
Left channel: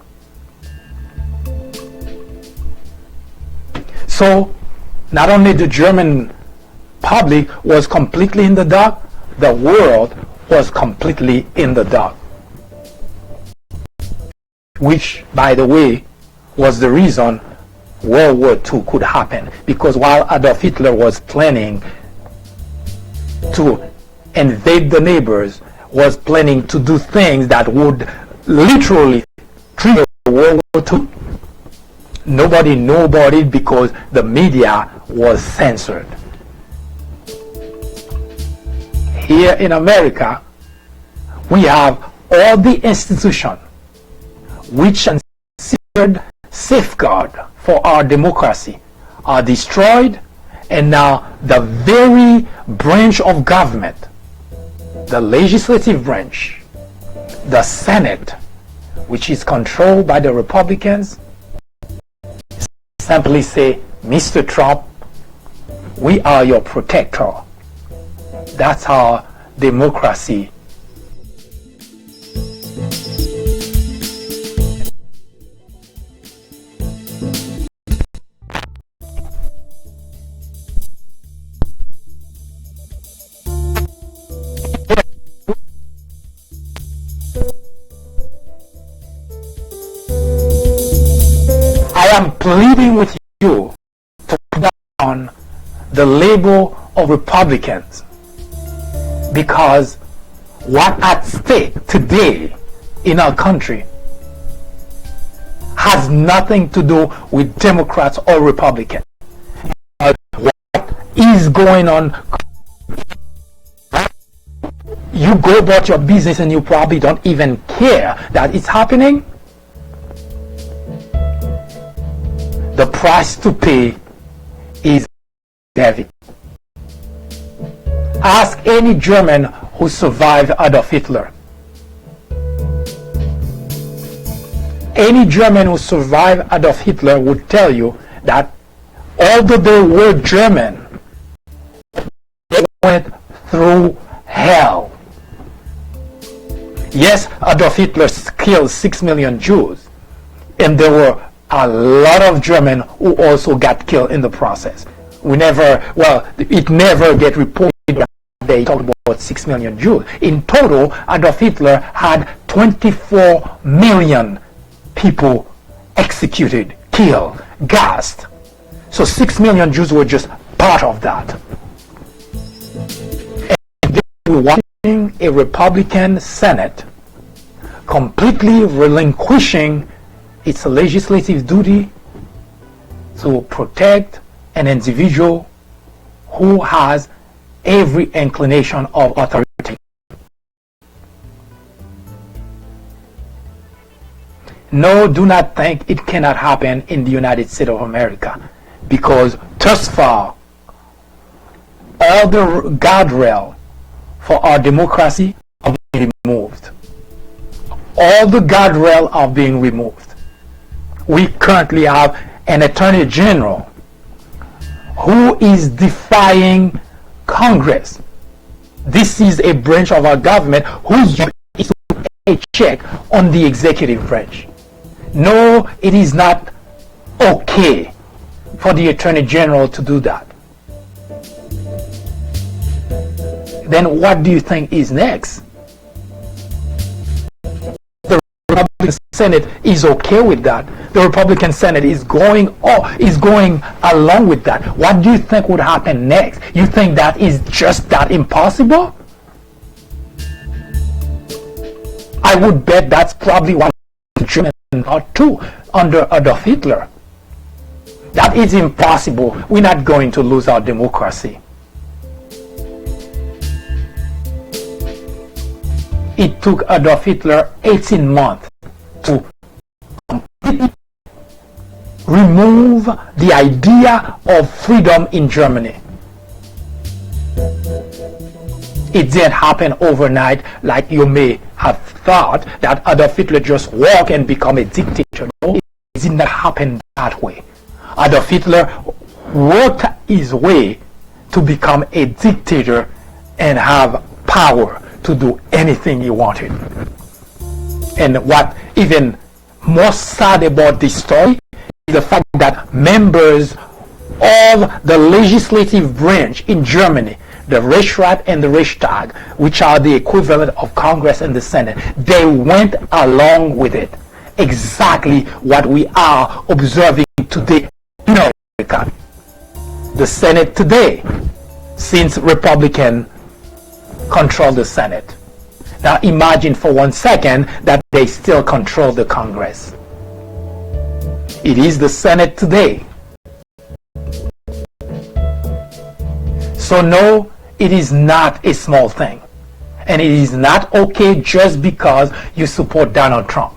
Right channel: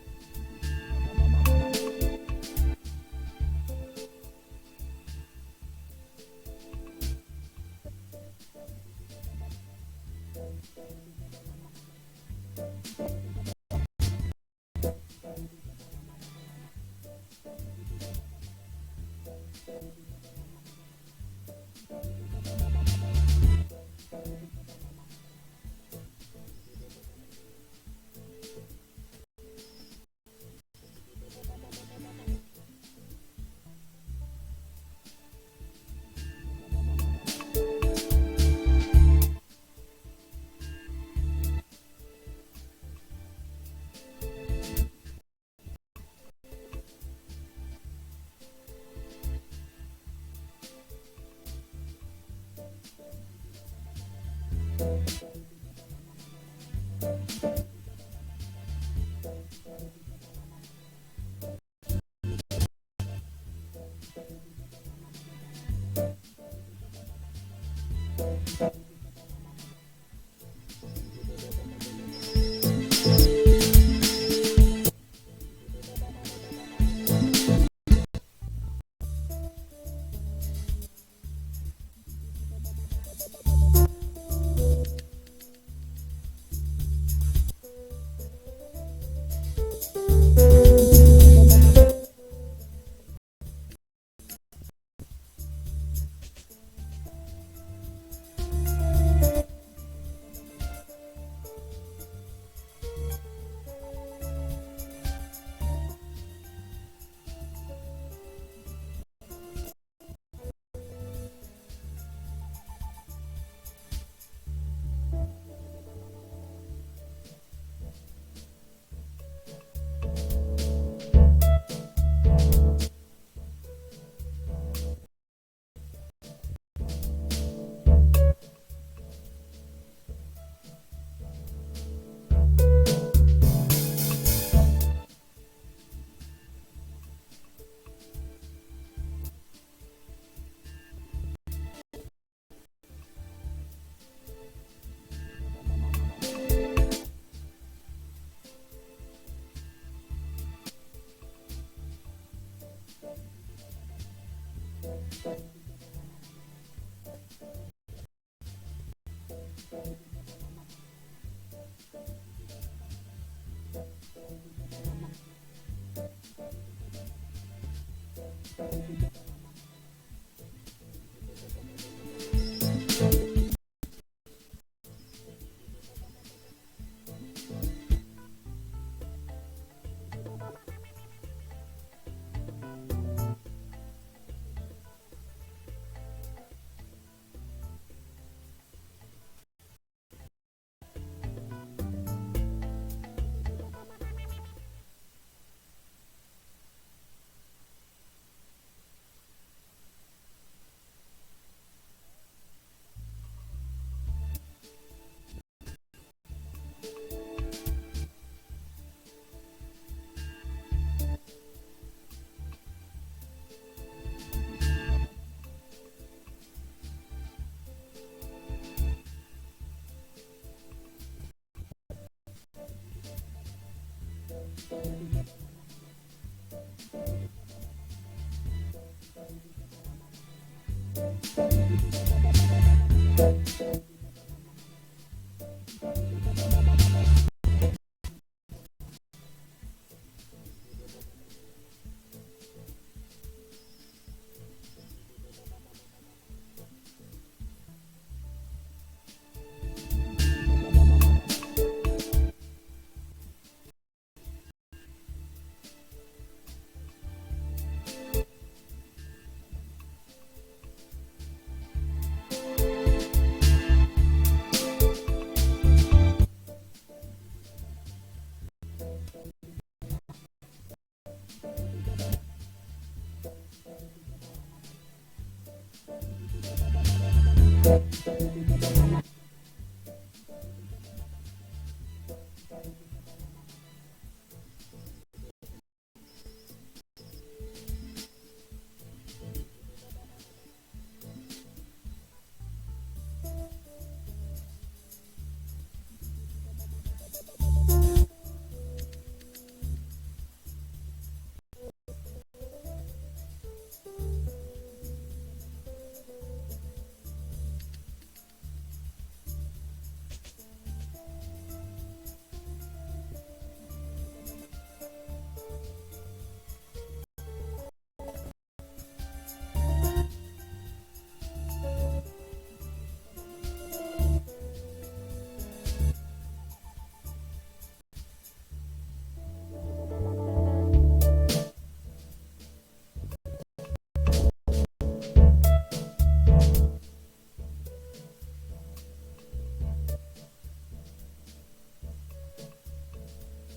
So not only the German public was completely in the dark, the world was completely in the dark. Which, by the way, was the reason World War II could happen. Because while Adolf Hitler was planning to invade the neighbors, was planning to do things that would literally trigger World War II, nobody knew about it because the media was censored. Here in America, we have all the institutions which are considered safeguard for our democracy are destroyed, and now the very branch of government, the legislative branch, the Senate, which is controlled by the Republicans, simply say, Mr. Trump, we are your protector. That's our democracy. I am pleading with you to put down the label of Republicans, because what at stake today in our country has nothing to do with Democrats or Republicans. What is going on, you go about your business and you probably don't even care that it's happening. The price to pay is heavy. Ask any German who survived Adolf Hitler. Any German who survived Adolf Hitler would tell you that although they were German, they went through hell. Yes, Adolf Hitler killed 6 million Jews, and there were a lot of Germans who also got killed in the process. It never get reported that they talked about 6 million Jews. In total, Adolf Hitler had 24 million people executed, killed, gassed. So 6 million Jews were just part of that. And they were watching a Republican Senate completely relinquishing its legislative duty to protect an individual who has every inclination of authority. No, do not think it cannot happen in the United States of America, because thus far, all the guardrail for our democracy are being removed. All the guardrail are being removed. We currently have an Attorney General who is defying Congress. This is a branch of our government whose job is to put a check on the executive branch. No, it is not okay for the Attorney General to do that. Then what do you think is next? The Republican Senate is okay with that. The Republican Senate is going along with that. What do you think would happen next? You think that is just that impossible? I would bet that's probably what German or two under Adolf Hitler. That is impossible. We're not going to lose our democracy. It took Adolf Hitler 18 months to completely remove the idea of freedom in Germany. It didn't happen overnight like you may have thought, that Adolf Hitler just walked and become a dictator. No, it did not happen that way. Adolf Hitler worked his way to become a dictator and have power to do anything he wanted. And what even more sad about this story is the fact that members of the legislative branch in Germany, the Reichsrat and the Reichstag, which are the equivalent of Congress and the Senate, they went along with it. Exactly what we are observing today in America. The Senate today, since Republican control the Senate. Now imagine for 1 second that they still control the Congress. It is the Senate today. So no, it is not a small thing. And it is not okay just because you support Donald Trump.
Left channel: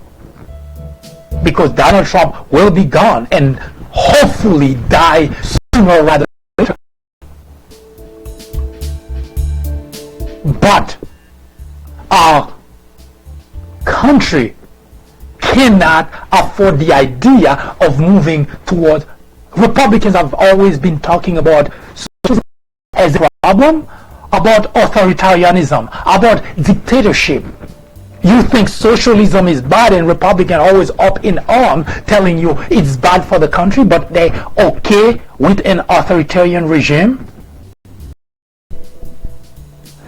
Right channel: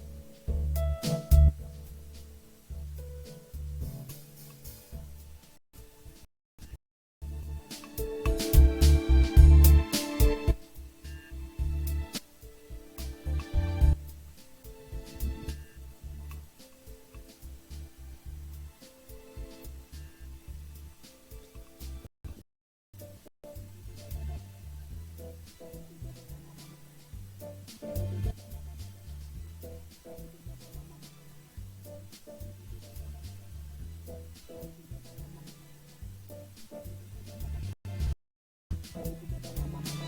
Because Donald Trump will be gone and hopefully die sooner rather than later. But our country cannot afford the idea of moving toward. Republicans have always been talking about socialism as a problem, about authoritarianism, about dictatorship. You think socialism is bad, and Republicans always up in arms telling you it's bad for the country, but they okay with an authoritarian regime?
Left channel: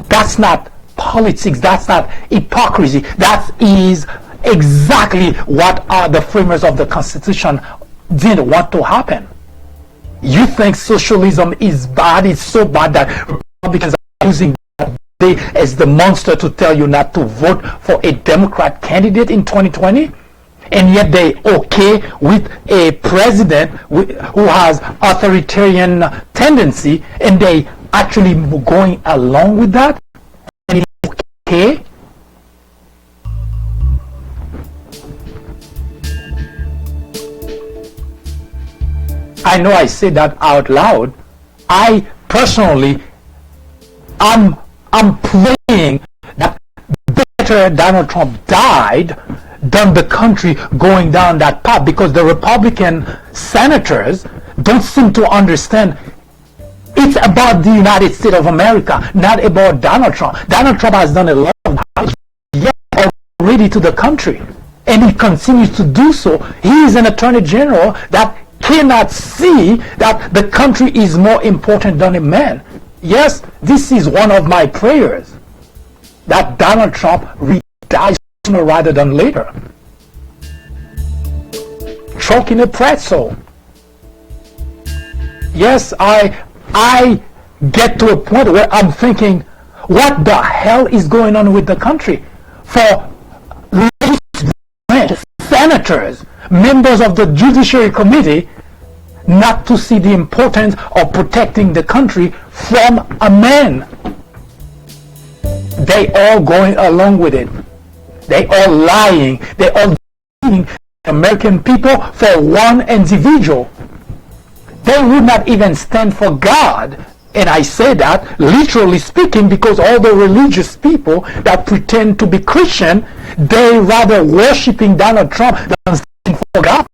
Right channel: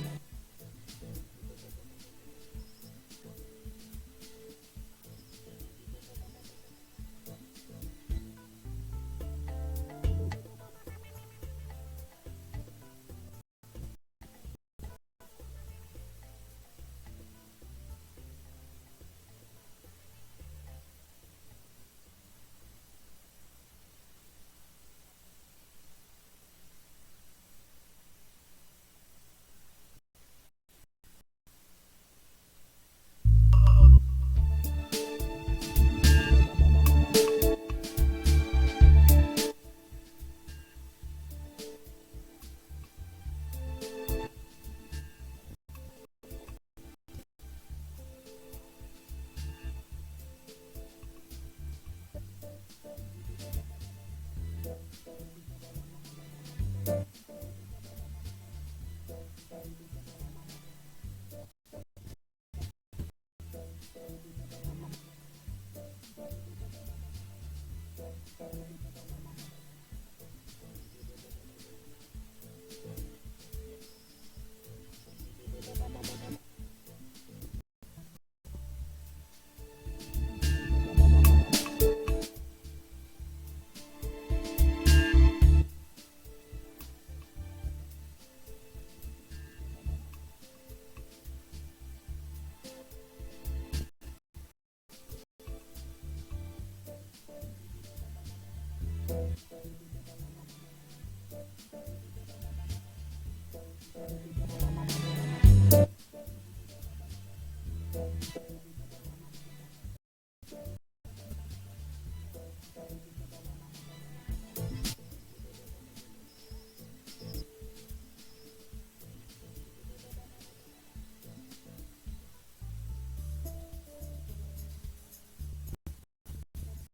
That's not politics. That's not hypocrisy. That is exactly what the framers of the Constitution didn't want to happen. You think socialism is bad? It's so bad that Republicans are using that day as the monster to tell you not to vote for a Democrat candidate in 2020? And yet they okay with a president who has authoritarian tendency, and they actually going along with that? And it's okay? I know I say that out loud. I personally, I'm praying that better Donald Trump died than the country going down that path, because the Republican senators don't seem to understand it's about the United States of America, not about Donald Trump. Donald Trump has done a lot of damage yet already to the country, and he continues to do so. He is an attorney general that cannot see that the country is more important than a man. Yes, this is one of my prayers, that Donald Trump dies sooner rather than later. Choking a pretzel. Yes, I get to a point where I'm thinking, what the hell is going on with the country? For senators, members of the Judiciary Committee, not to see the importance of protecting the country from a man. They all going along with it. They all lying. They all believing American people for one individual. They would not even stand for God. And I say that literally speaking because all the religious people that pretend to be Christian, they rather worshiping Donald Trump than standing for God.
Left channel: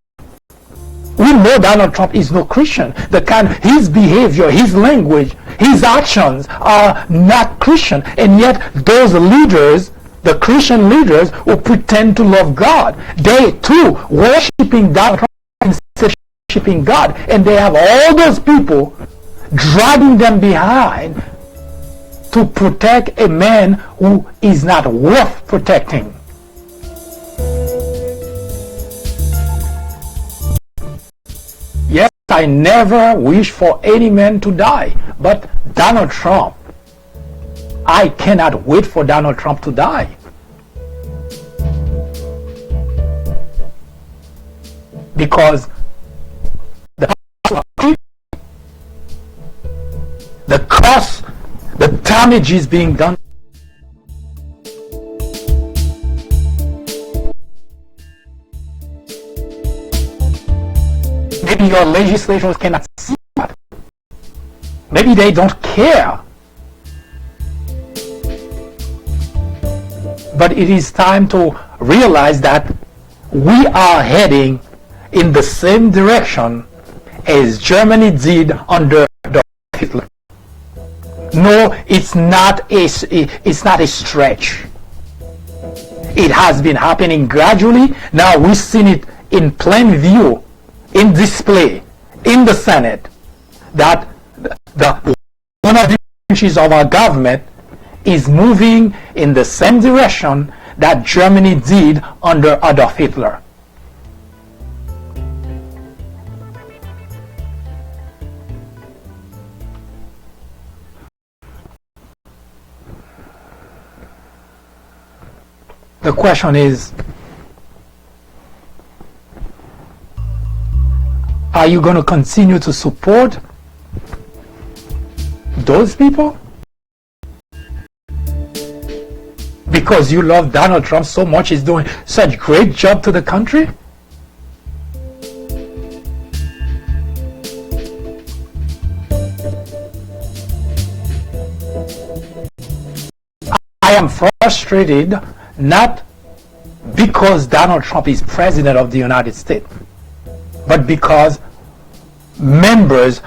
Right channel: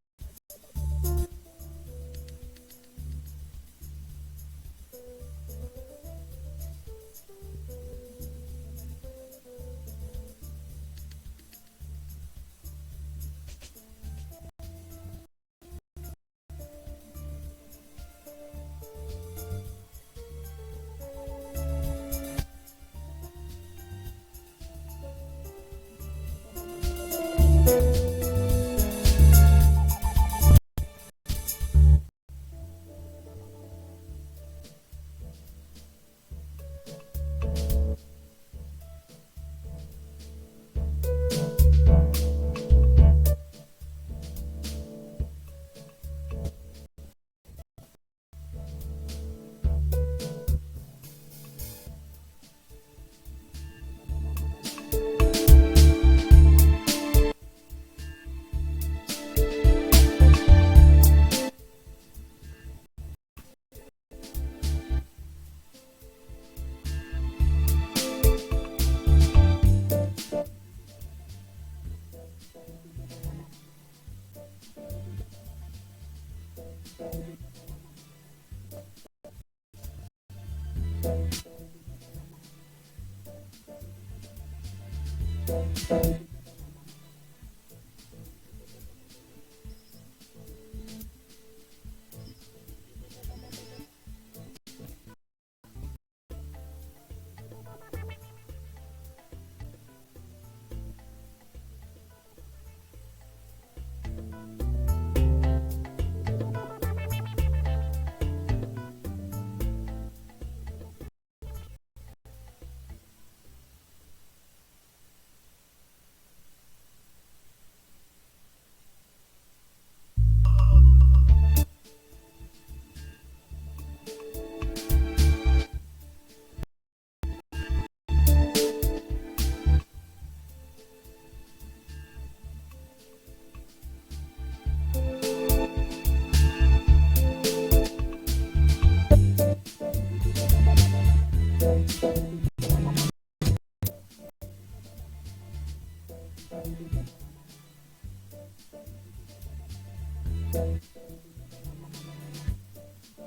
We know Donald Trump is no Christian. His behavior, his language, his actions are not Christian. And yet those leaders, the Christian leaders who pretend to love God, they too worshiping Donald Trump instead of worshiping God. And they have all those people dragging them behind to protect a man who is not worth protecting. Yes, I never wish for any man to die, but Donald Trump, I cannot wait for Donald Trump to die. Because the cost, the damage is being done. Maybe your legislators cannot see that. Maybe they don't care. But it is time to realize that we are heading in the same direction as Germany did under Hitler. No, it's not a stretch. It has been happening gradually. Now we've seen it in plain view, in display, in the Senate, that one of the branches of our government is moving in the same direction that Germany did under Adolf Hitler. The question is, are you going to continue to support those people? Because you love Donald Trump so much, he's doing such great job to the country? I am frustrated not because Donald Trump is president of the United States, but because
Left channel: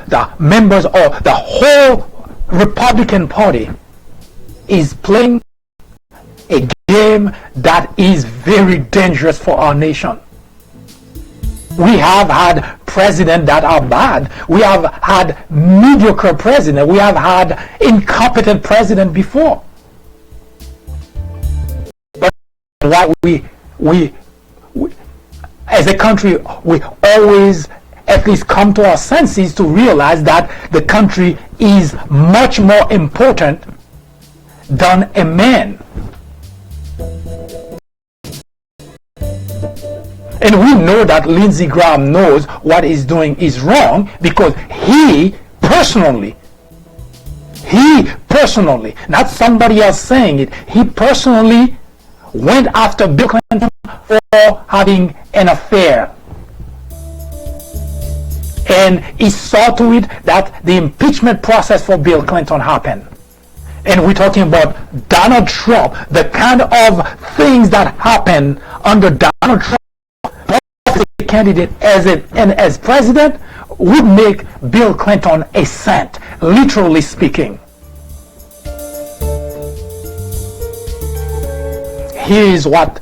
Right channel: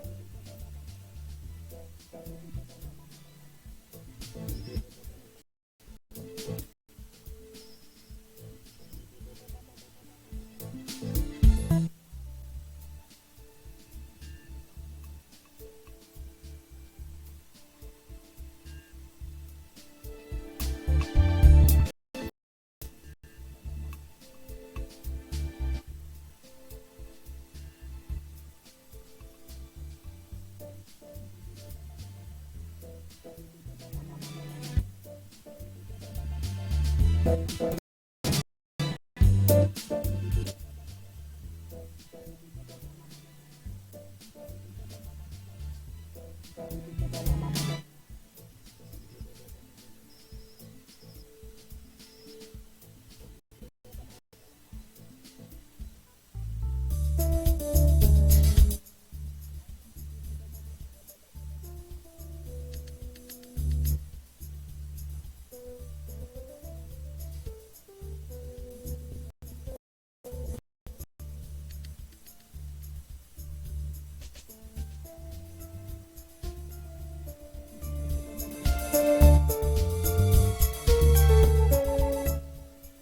the members of the whole Republican Party is playing a game that is very dangerous for our nation. We have had presidents that are bad. We have had mediocre presidents. We have had incompetent presidents before. But we as a country, we always at least come to our senses to realize that the country is much more important than a man. And we know that Lindsey Graham knows what he's doing is wrong because he personally, not somebody else saying it, he personally went after Bill Clinton for having an affair. And he saw to it that the impeachment process for Bill Clinton happened. And we're talking about Donald Trump, the kind of things that happened under Donald Trump as a candidate and as president would make Bill Clinton a saint, literally speaking. Here is what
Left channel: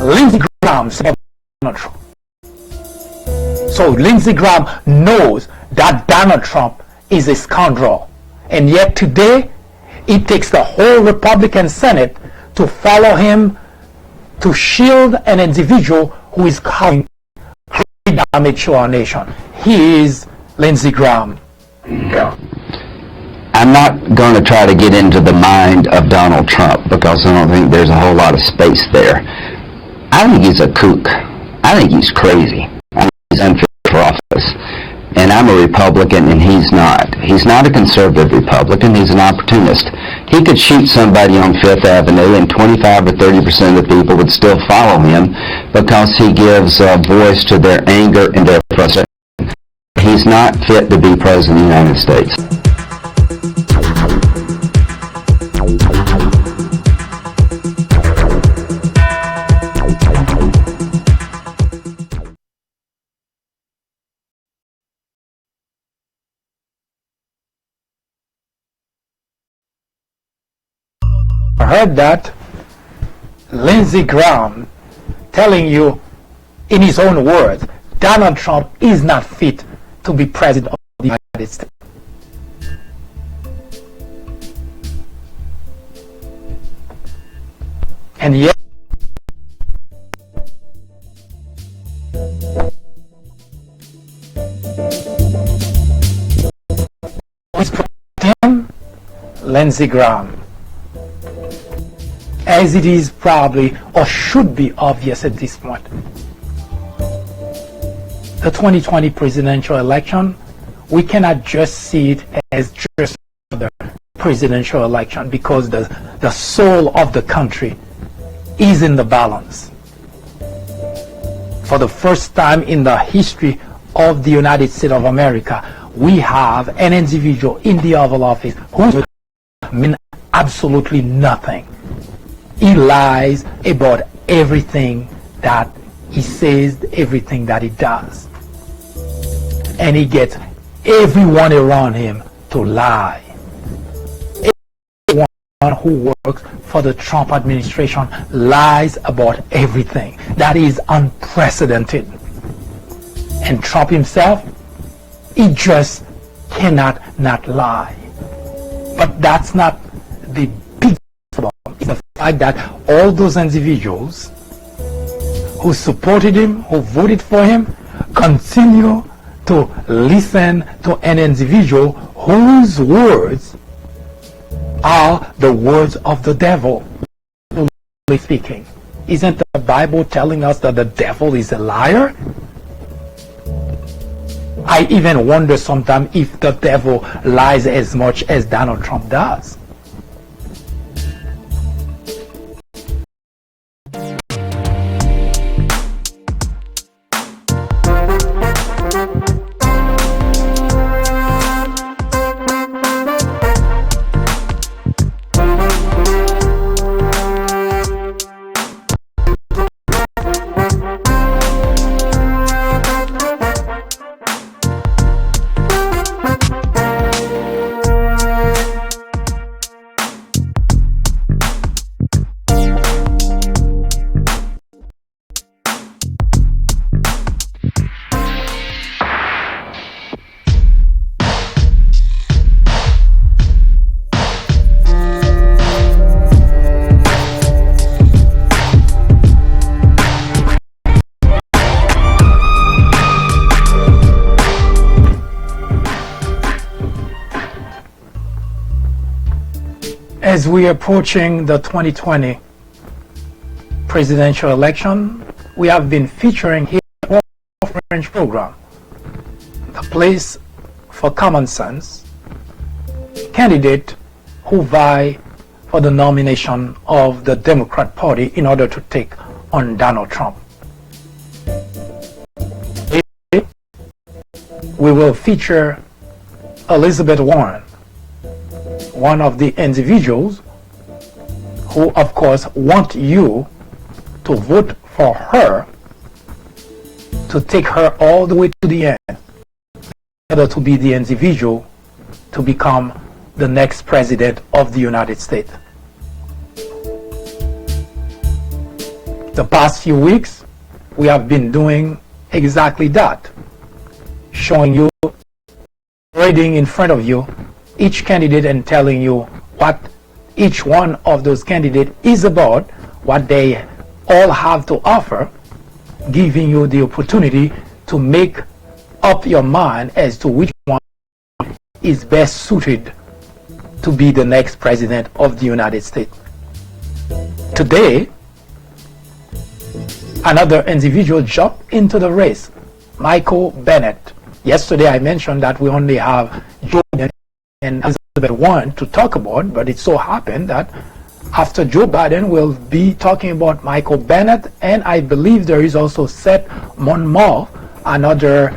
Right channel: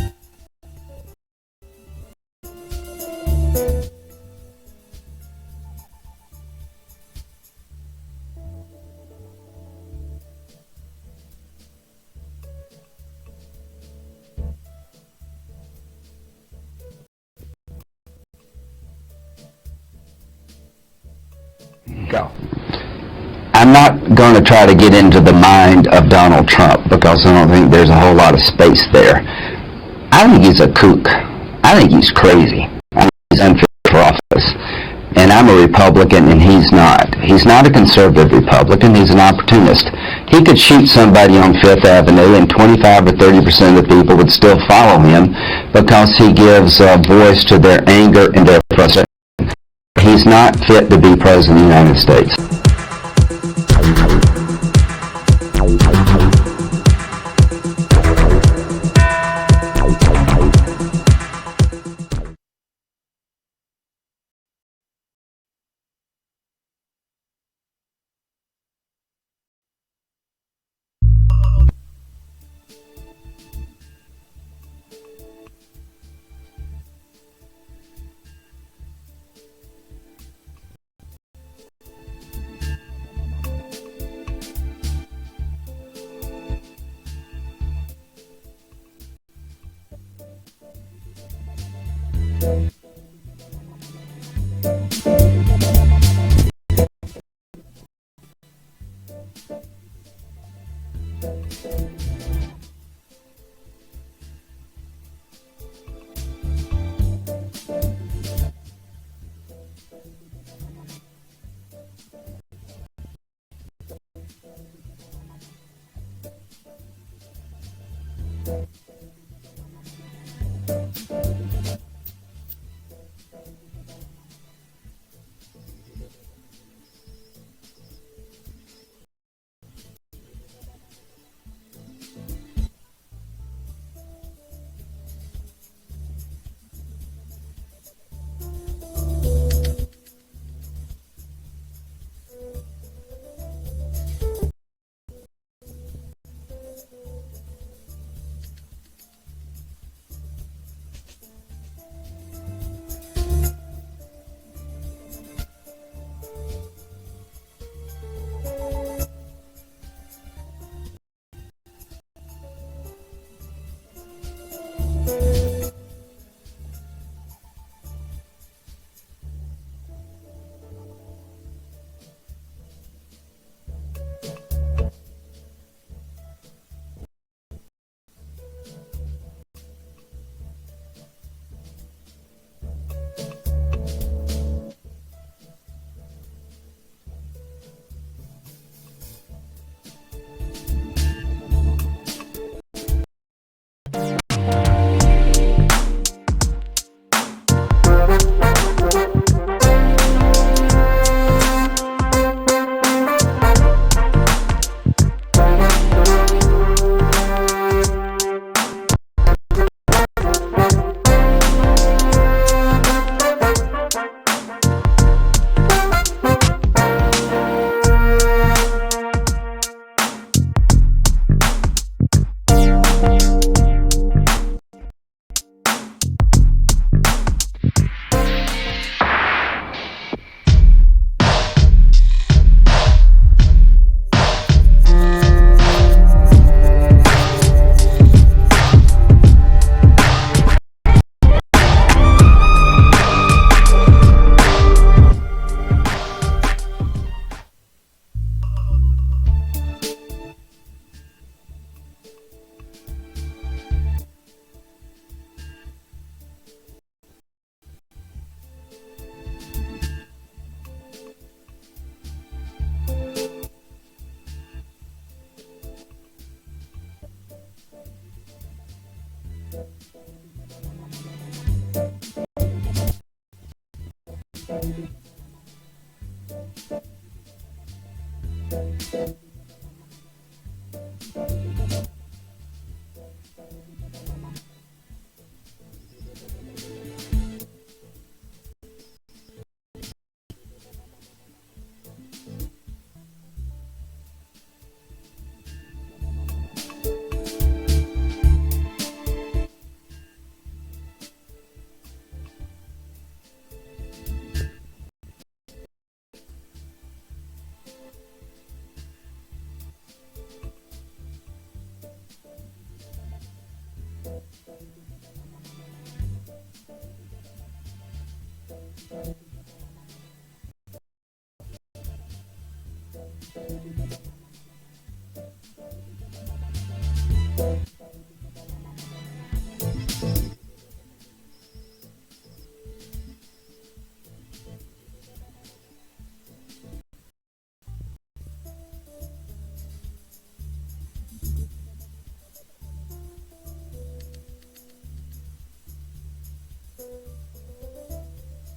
Lindsey Graham said about Donald Trump. So Lindsey Graham knows that Donald Trump is a scoundrel. And yet today, it takes the whole Republican Senate to follow him to shield an individual who is causing great damage to our nation. He is Lindsey Graham. I'm not going to try to get into the mind of Donald Trump because I don't think there's a whole lot of space there. I think he's a kook. I think he's crazy. I think he's unfit for office. And I'm a Republican and he's not. He's not a conservative Republican. He's an opportunist. He could shoot somebody on Fifth Avenue and 25 or 30% of the people would still follow him because he gives voice to their anger and their frustration. He's not fit to be President of the United States. I heard that Lindsey Graham telling you in his own words, Donald Trump is not fit to be president of the United States. And yet, who's protecting him? Lindsey Graham. As it is probably or should be obvious at this point, the 2020 presidential election, we cannot just see it as just the presidential election because the soul of the country is in the balance. For the first time in the history of the United States of America, we have an individual in the Oval Office who means absolutely nothing. He lies about everything that he says, everything that he does. And he gets everyone around him to lie. Everyone who works for the Trump administration lies about everything. That is unprecedented. And Trump himself, he just cannot not lie. But that's not the big problem. It's the fact that all those individuals who supported him, who voted for him, continue to listen to an individual whose words are the words of the devil. Speaking, isn't the Bible telling us that the devil is a liar? I even wonder sometimes if the devil lies as much as Donald Trump does. As we are approaching the 2020 presidential election, we have been featuring here a French program, the place for common sense, candidate who vie for the nomination of the Democrat Party in order to take on Donald Trump. We will feature Elizabeth Warren, one of the individuals who, of course, want you to vote for her, to take her all the way to the end, in order to be the individual to become the next president of the United States. The past few weeks, we have been doing exactly that, showing you, reading in front of you, each candidate and telling you what each one of those candidates is about, what they all have to offer, giving you the opportunity to make up your mind as to which one is best suited to be the next president of the United States. Today, another individual jumped into the race, Michael Bennet. Yesterday I mentioned that we only have Joe Biden and Elizabeth Warren to talk about, but it so happened that after Joe Biden, we'll be talking about Michael Bennet, and I believe there is also Seth Monmouth, another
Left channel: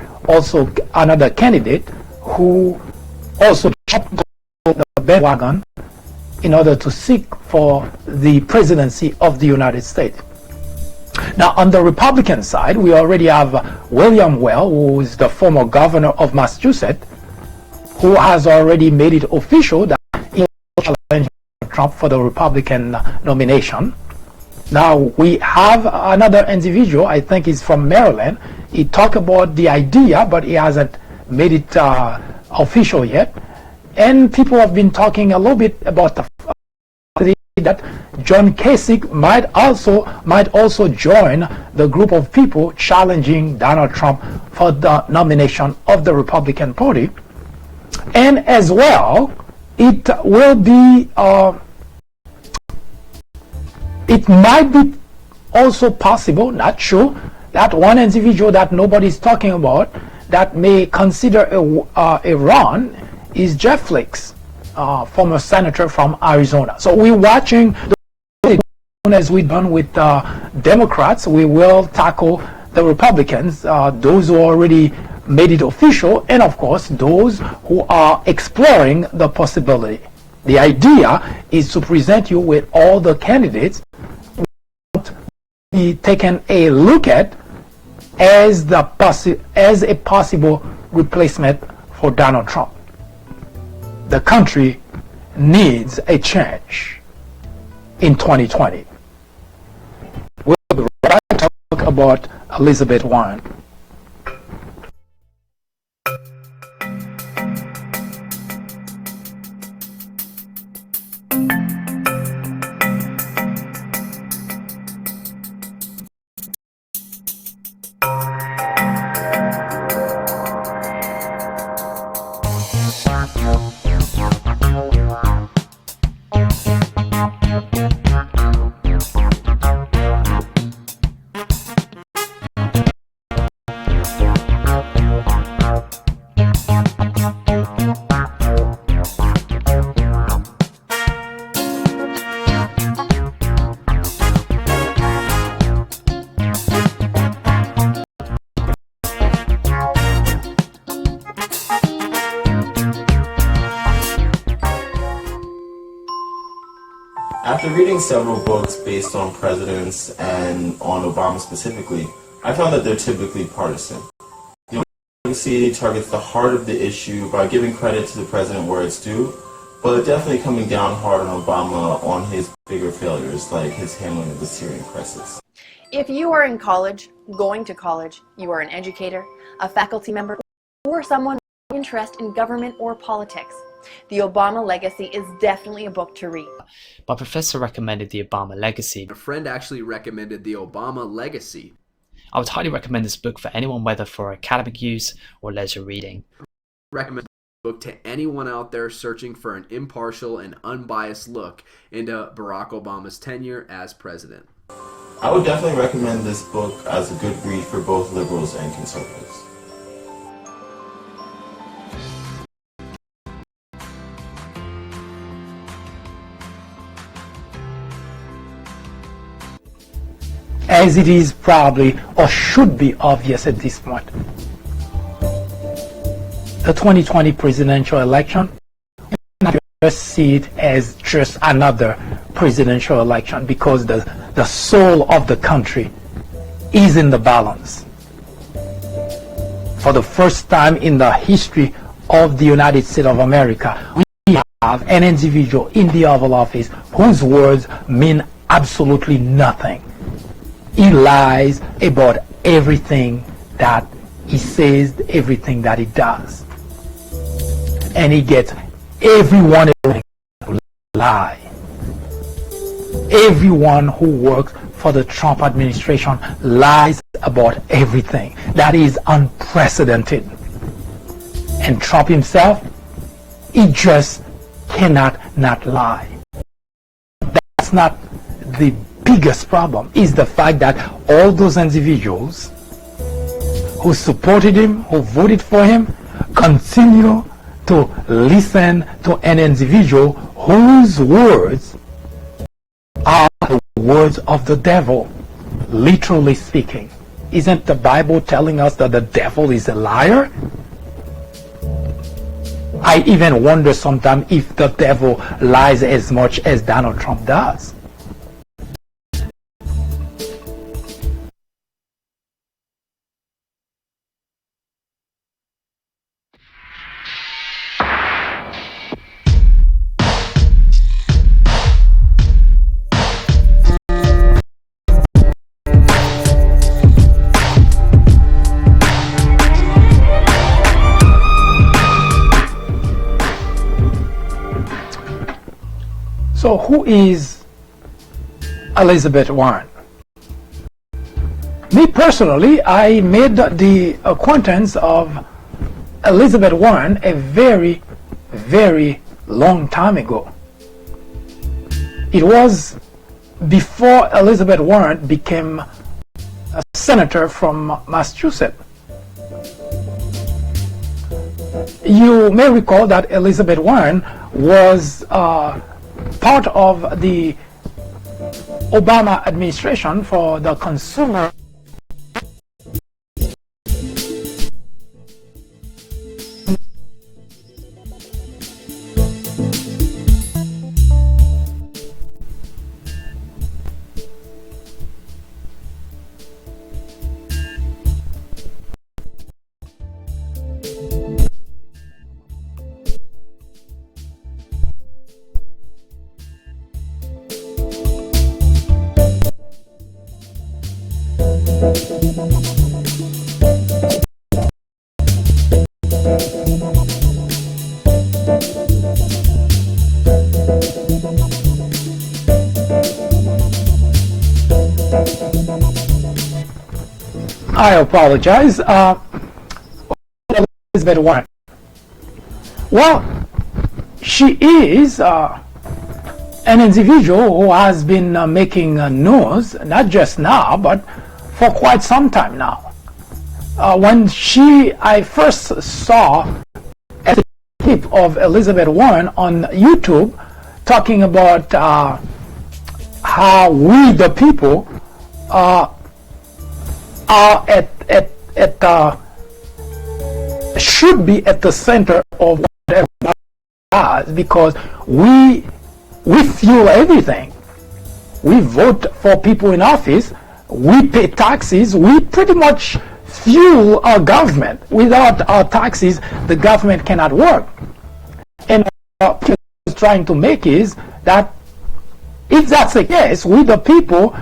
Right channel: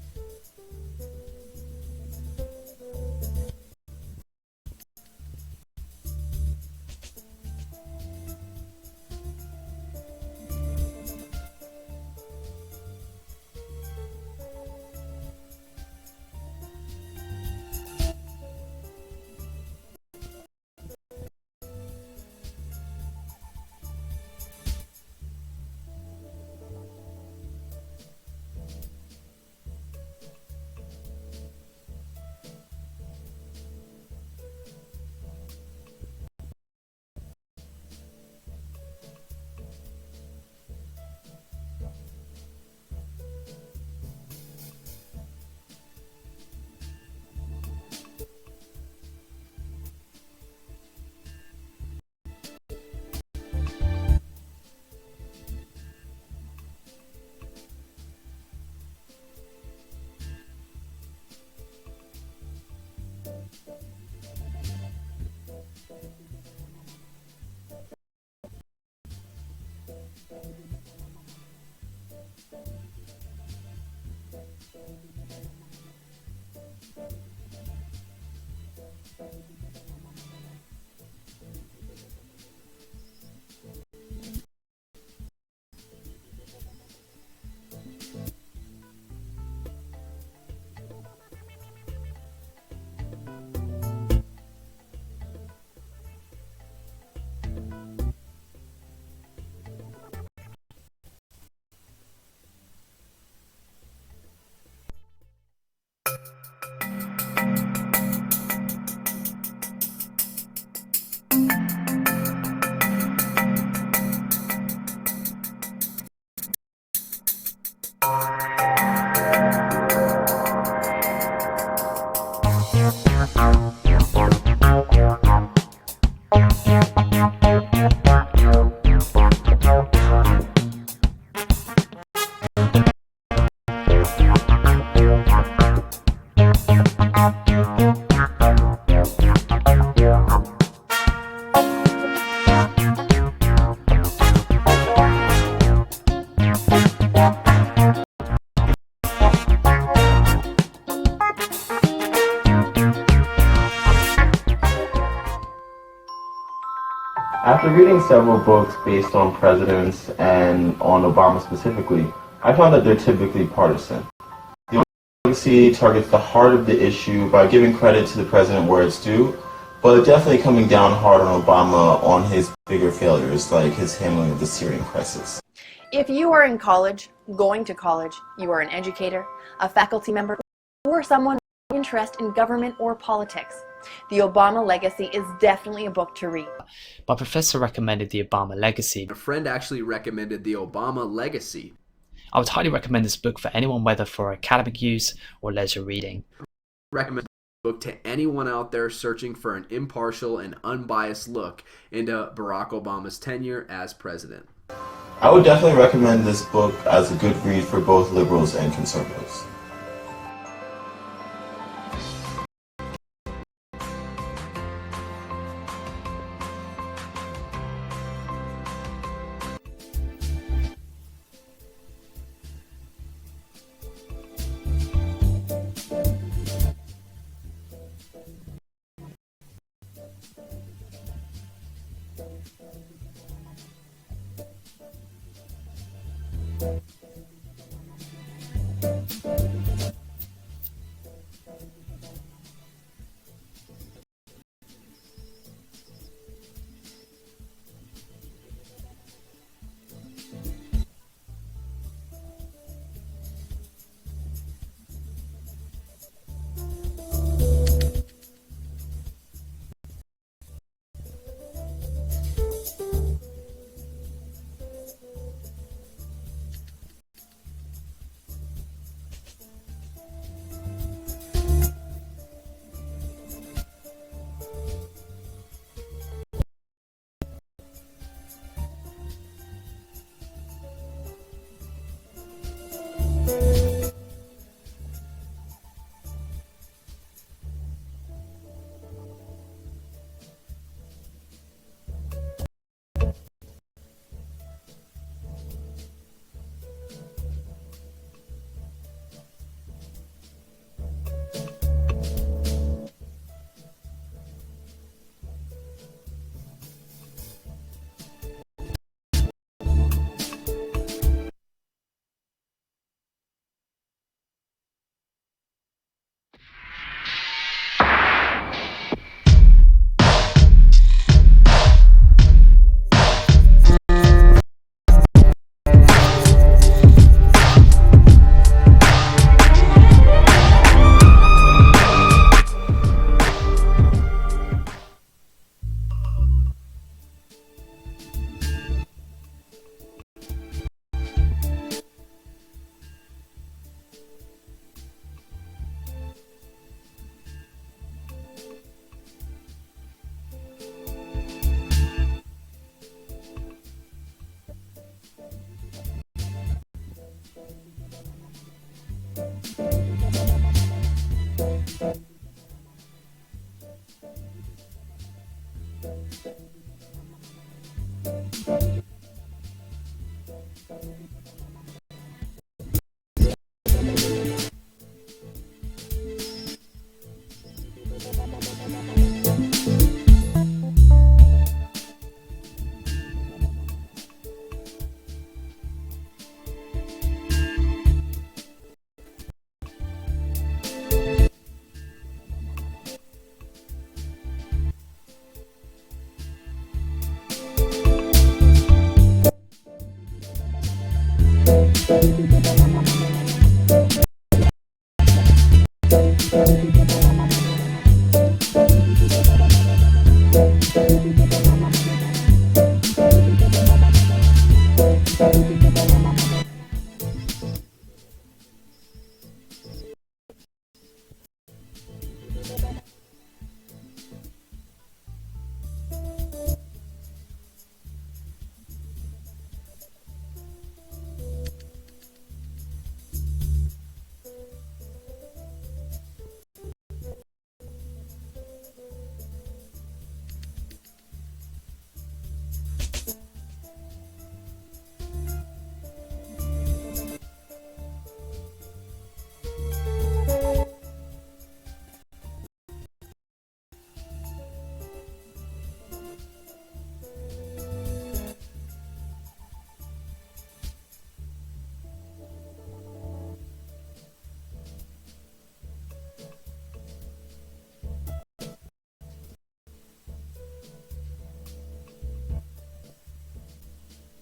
candidate who also jumped on the bandwagon in order to seek for the presidency of the United States. Now, on the Republican side, we already have William Well, who is the former governor of Massachusetts, who has already made it official that he will challenge Trump for the Republican nomination. Now, we have another individual, I think he's from Maryland. He talked about the idea, but he hasn't made it official yet. And people have been talking a little bit about the that John Kasich might also join the group of people challenging Donald Trump for the nomination of the Republican Party. And as well, it will be it might be also possible, not sure, that one individual that nobody's talking about that may consider a run is Jeff Flake, former senator from Arizona. So we're watching, as we've done with Democrats, we will tackle the Republicans, those who already made it official, and of course those who are exploring the possibility. The idea is to present you with all the candidates be taken a look at as a possible replacement for Donald Trump. The country needs a change in 2020. We'll be right back to talk about Elizabeth Warren. After reading several books based on presidents and on Obama specifically, I found that they're typically partisan. The legacy targets the heart of the issue by giving credit to the president where it's due, but definitely coming down hard on Obama on his bigger failures, like his handling of the Syrian crisis. If you are in college, going to college, you are an educator, a faculty member, or someone with interest in government or politics, The Obama Legacy is definitely a book to read. My professor recommended The Obama Legacy. A friend actually recommended The Obama Legacy. I would highly recommend this book for anyone, whether for academic use or leisure reading. Recommend the book to anyone out there searching for an impartial and unbiased look into Barack Obama's tenure as president. I would definitely recommend this book as a good read for both liberals and conservatives. As it is probably or should be obvious at this point, the 2020 presidential election, we cannot just see it as just another presidential election, because the soul of the country is in the balance. For the first time in the history of the United States of America, we have an individual in the Oval Office whose words mean absolutely nothing. He lies about everything that he says, everything that he does. And he gets everyone to lie. Everyone who works for the Trump administration lies about everything. That is unprecedented. And Trump himself, he just cannot not lie. That's not the biggest problem. Is the fact that all those individuals who supported him, who voted for him, continue to listen to an individual whose words are the words of the devil, literally speaking? Isn't the Bible telling us that the devil is a liar? I even wonder sometimes if the devil lies as much as Donald Trump does. So who is Elizabeth Warren? Me personally, I made the acquaintance of Elizabeth Warren a very, very long time ago. It was before Elizabeth Warren became a senator from Massachusetts. You may recall that Elizabeth Warren was part of the Obama administration for the consumer I apologize. Elizabeth Warren. Well, she is an individual who has been making news, not just now, but for quite some time now. When I first saw a clip of Elizabeth Warren on YouTube talking about how we, the people, should be at the center of whatever does, because we fuel everything. We vote for people in office, we pay taxes, we pretty much fuel our government. Without our taxes, the government cannot work. And what I'm trying to make is that if that's the case, we the people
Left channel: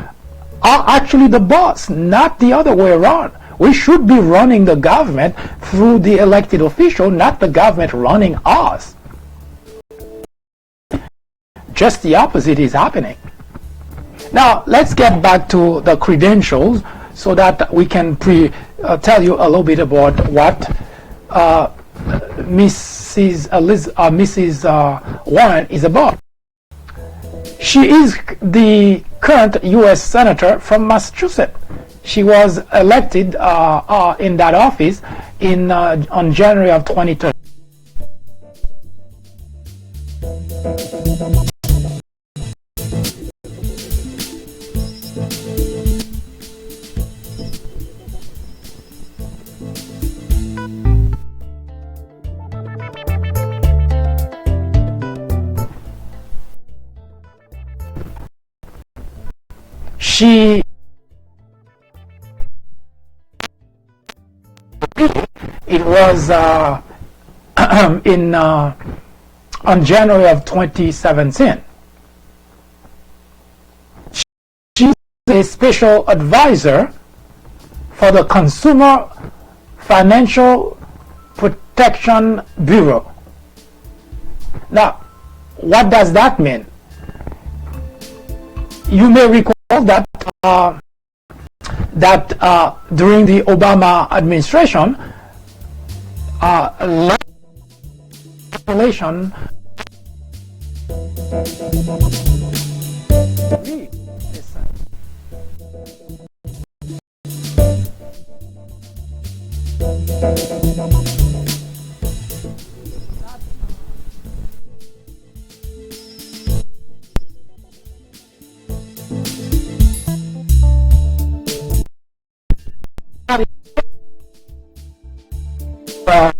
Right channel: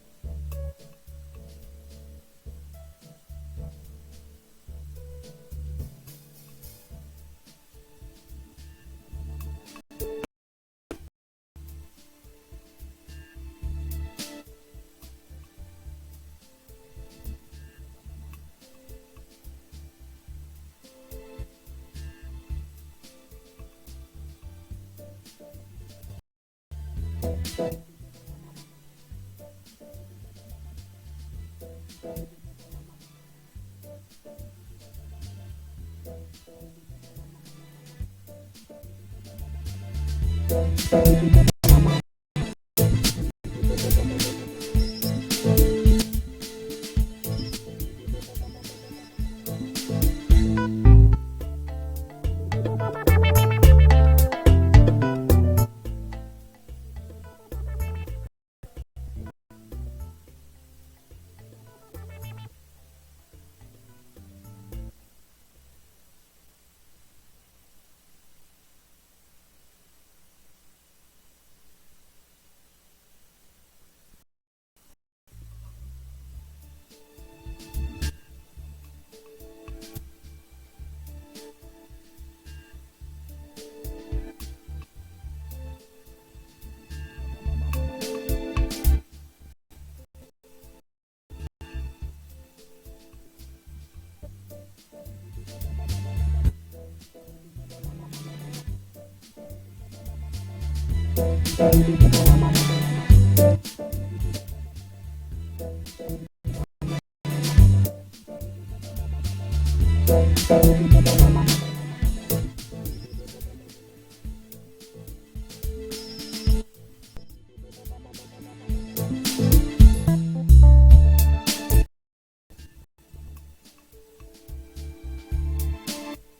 are actually the boss, not the other way around. We should be running the government through the elected official, not the government running us. Just the opposite is happening. Now, let's get back to the credentials so that we can tell you a little bit about what Mrs. Warren is about. She is the current U.S. Senator from Massachusetts. She was elected in that office on January of 2013. It was on January of 2017. She's a special advisor for the Consumer Financial Protection Bureau. Now, what does that mean? You may recall that during the Obama administration, legislation Age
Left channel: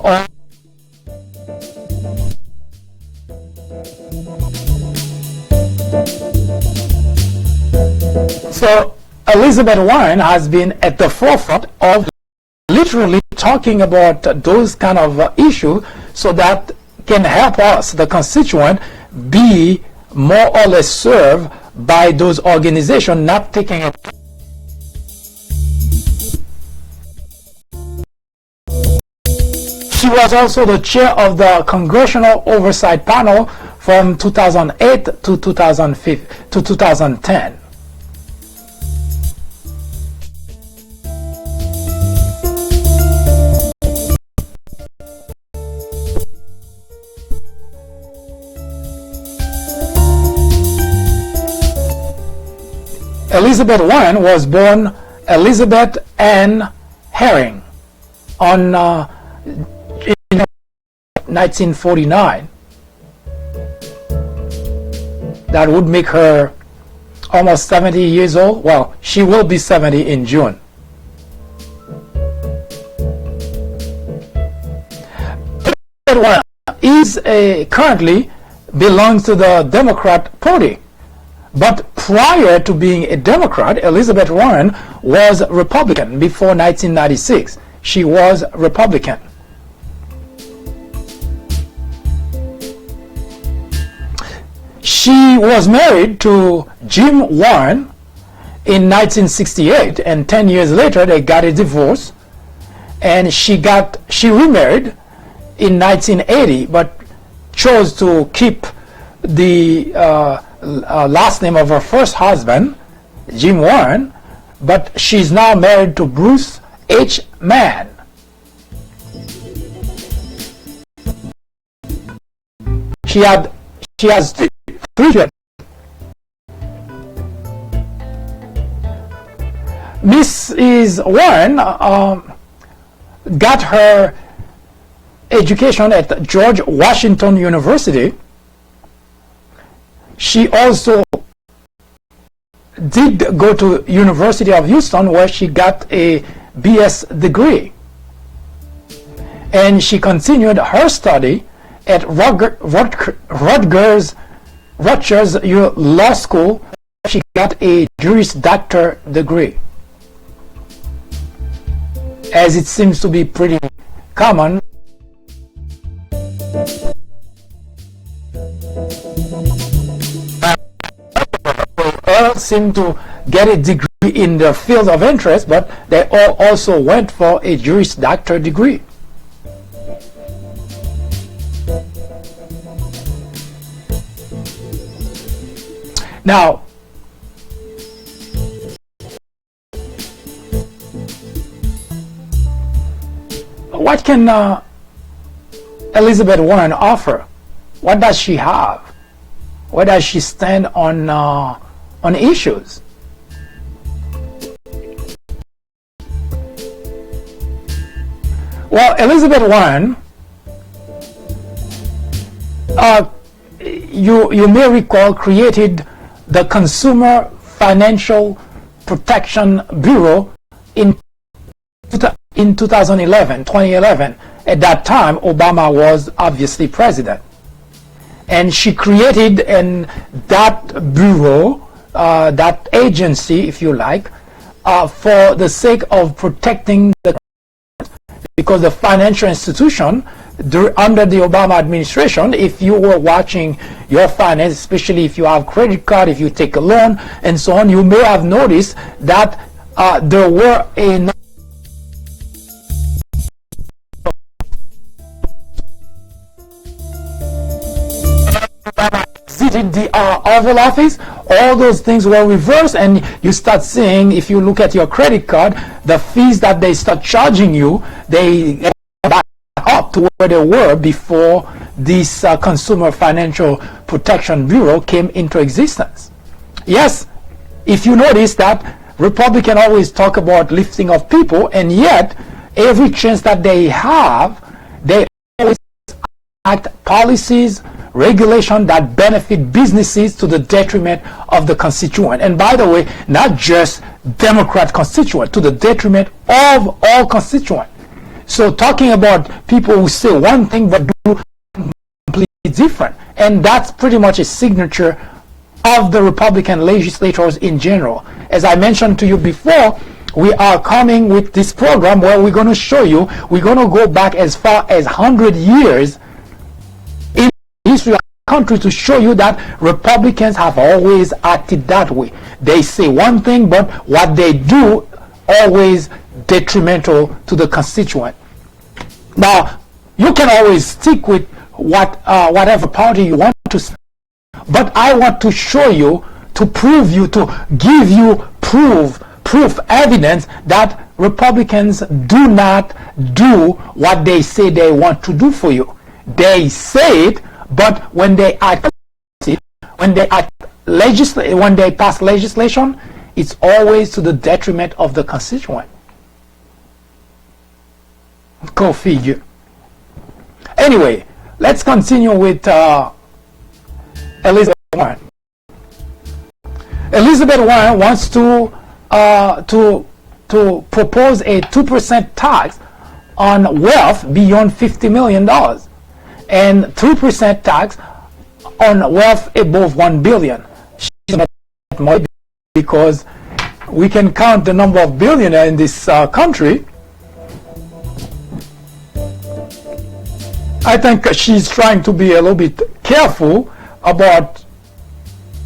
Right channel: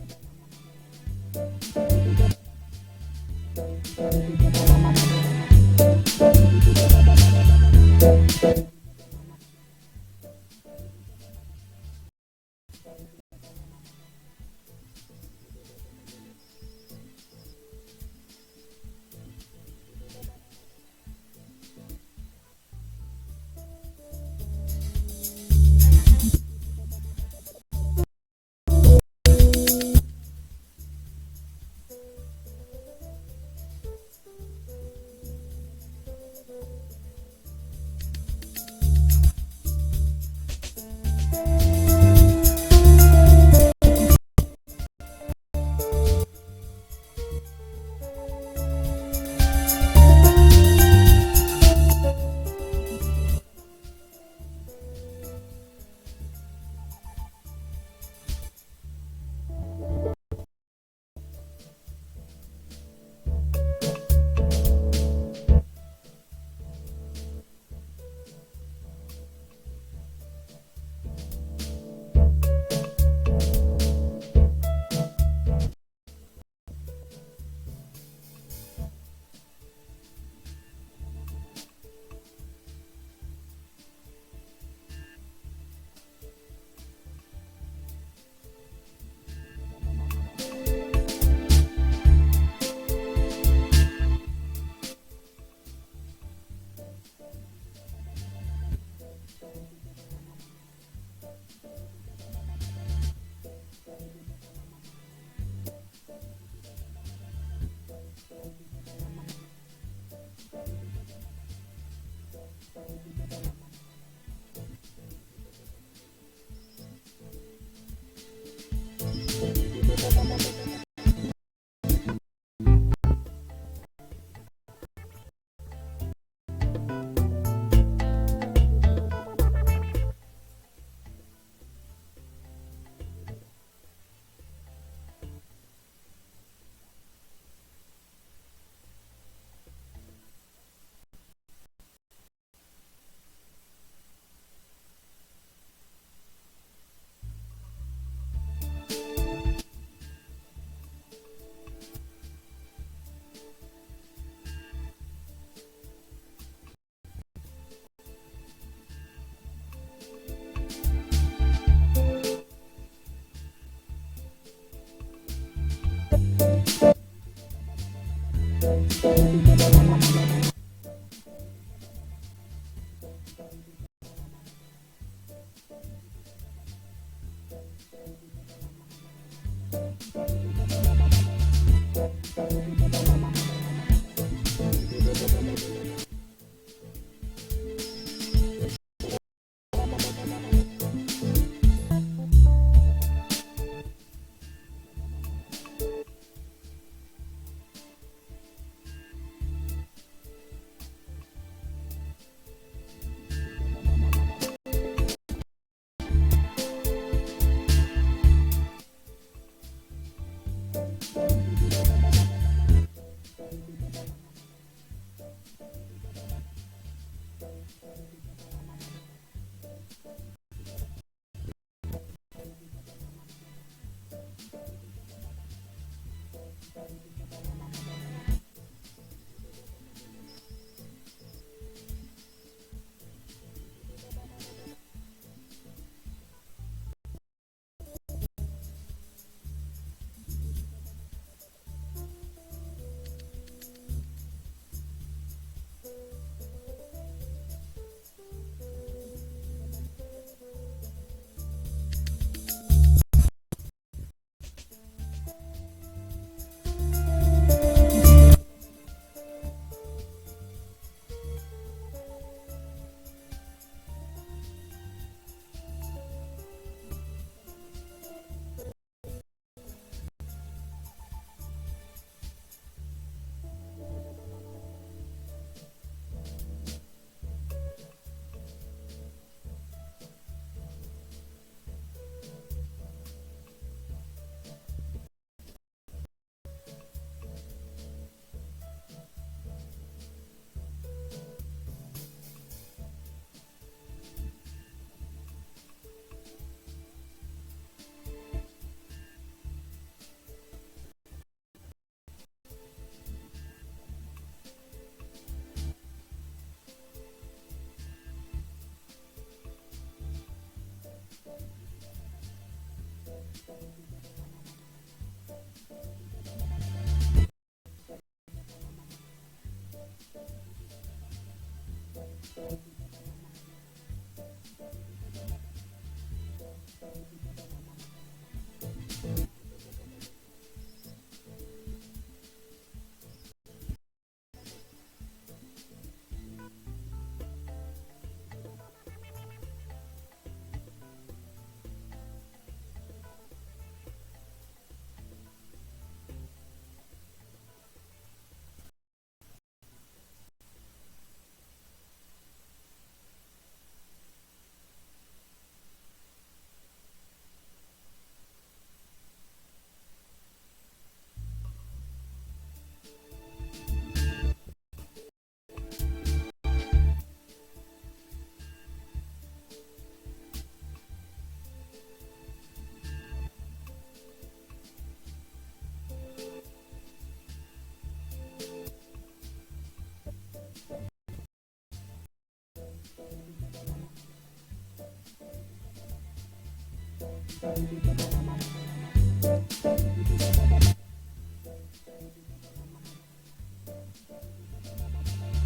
of So Elizabeth Warren has been at the forefront of literally talking about those kind of issues so that can help us, the constituent, be more or less served by those organizations not taking it. She was also the chair of the Congressional Oversight Panel from 2008 to 2010. Elizabeth Warren was born Elizabeth Ann Herring in 1949. That would make her almost 70 years old. Well, she will be 70 in June. Elizabeth Warren currently belongs to the Democrat Party. But prior to being a Democrat, Elizabeth Warren was Republican. Before 1996, she was Republican. She was married to Jim Warren in 1968, and 10 years later they got a divorce, and she remarried in 1980, but chose to keep the last name of her first husband, Jim Warren, but she's now married to Bruce H. Mann. She has three children. Mrs. Warren got her education at George Washington University. She also did go to University of Houston, where she got a BS degree, and she continued her study at Rutgers Law School. She got a Juris Doctor degree, as it seems to be pretty common. All seem to get a degree in their field of interest, but they all also went for a Juris Doctor degree. Now, what can Elizabeth Warren offer? What does she have? Where does she stand on issues? Well, Elizabeth Warren, you may recall, created the Consumer Financial Protection Bureau in 2011. At that time, Obama was obviously president. And she created that bureau, that agency, if you like, for the sake of protecting the, because the financial institution under the Obama administration, if you were watching your finance, especially if you have credit card, if you take a loan and so on, you may have noticed that there were a visited the Oval Office, all those things were reversed, and you start seeing, if you look at your credit card, the fees that they start charging you, they go back up to where they were before this Consumer Financial Protection Bureau came into existence. Yes, if you notice that Republicans always talk about lifting of people, and yet every chance that they have, they always act policies, regulation that benefit businesses to the detriment of the constituent. And by the way, not just Democrat constituent, to the detriment of all constituents. So talking about people who say one thing but do completely different, and that's pretty much a signature of the Republican legislators in general. As I mentioned to you before, we are coming with this program where we're going to show you, we're going to go back as far as 100 years in history of the country to show you that Republicans have always acted that way. They say one thing, but what they do always detrimental to the constituent. Now, you can always stick with whatever party you want to, but I want to show you, to prove you, to give you proof evidence that Republicans do not do what they say they want to do for you. They say it, but when they act, when they pass legislation, it's always to the detriment of the constituent. Go figure. Anyway, let's continue with Elizabeth Warren. Elizabeth Warren wants to propose a 2% tax on wealth beyond $50 million and 3% tax on wealth above $1 billion. She's not more because we can count the number of billionaires in this country. I think she's trying to be a little bit careful about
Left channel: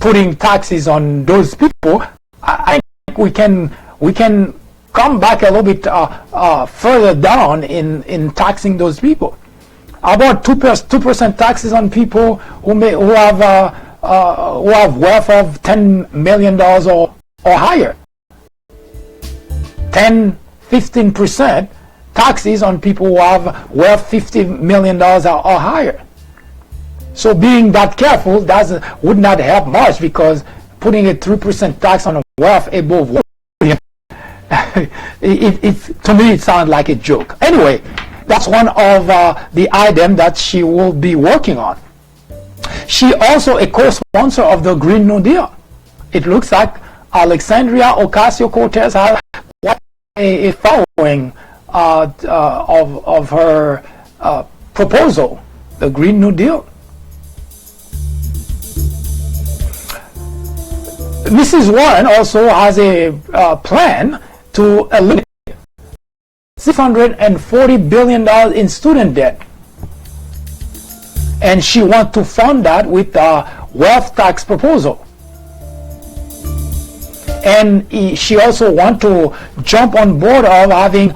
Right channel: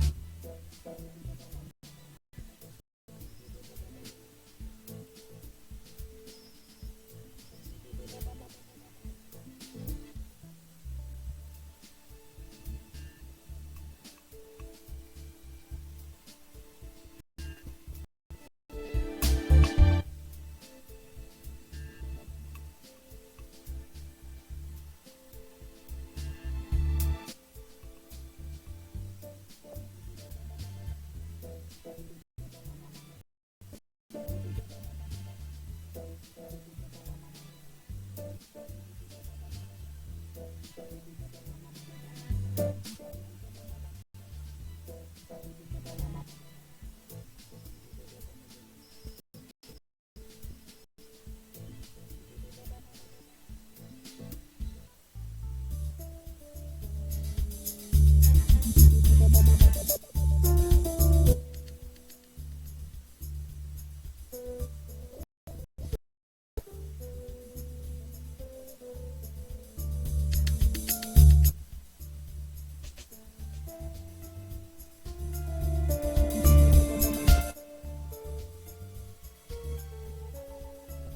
putting taxes on those people. I think we can come back a little bit further down in taxing those people. About 2% taxes on people who have wealth of $10 million or higher. 10-15% taxes on people who have wealth $50 million or higher. So being that careful would not help much, because putting a 3% tax on wealth above $1 billion, to me it sounds like a joke. Anyway, that's one of the items that she will be working on. She also a co-sponsor of the Green New Deal. It looks like Alexandria Ocasio-Cortez has a following of her proposal, the Green New Deal. Mrs. Warren also has a plan to eliminate $640 billion in student debt. And she wants to fund that with a wealth tax proposal. And she also wants to jump on board of having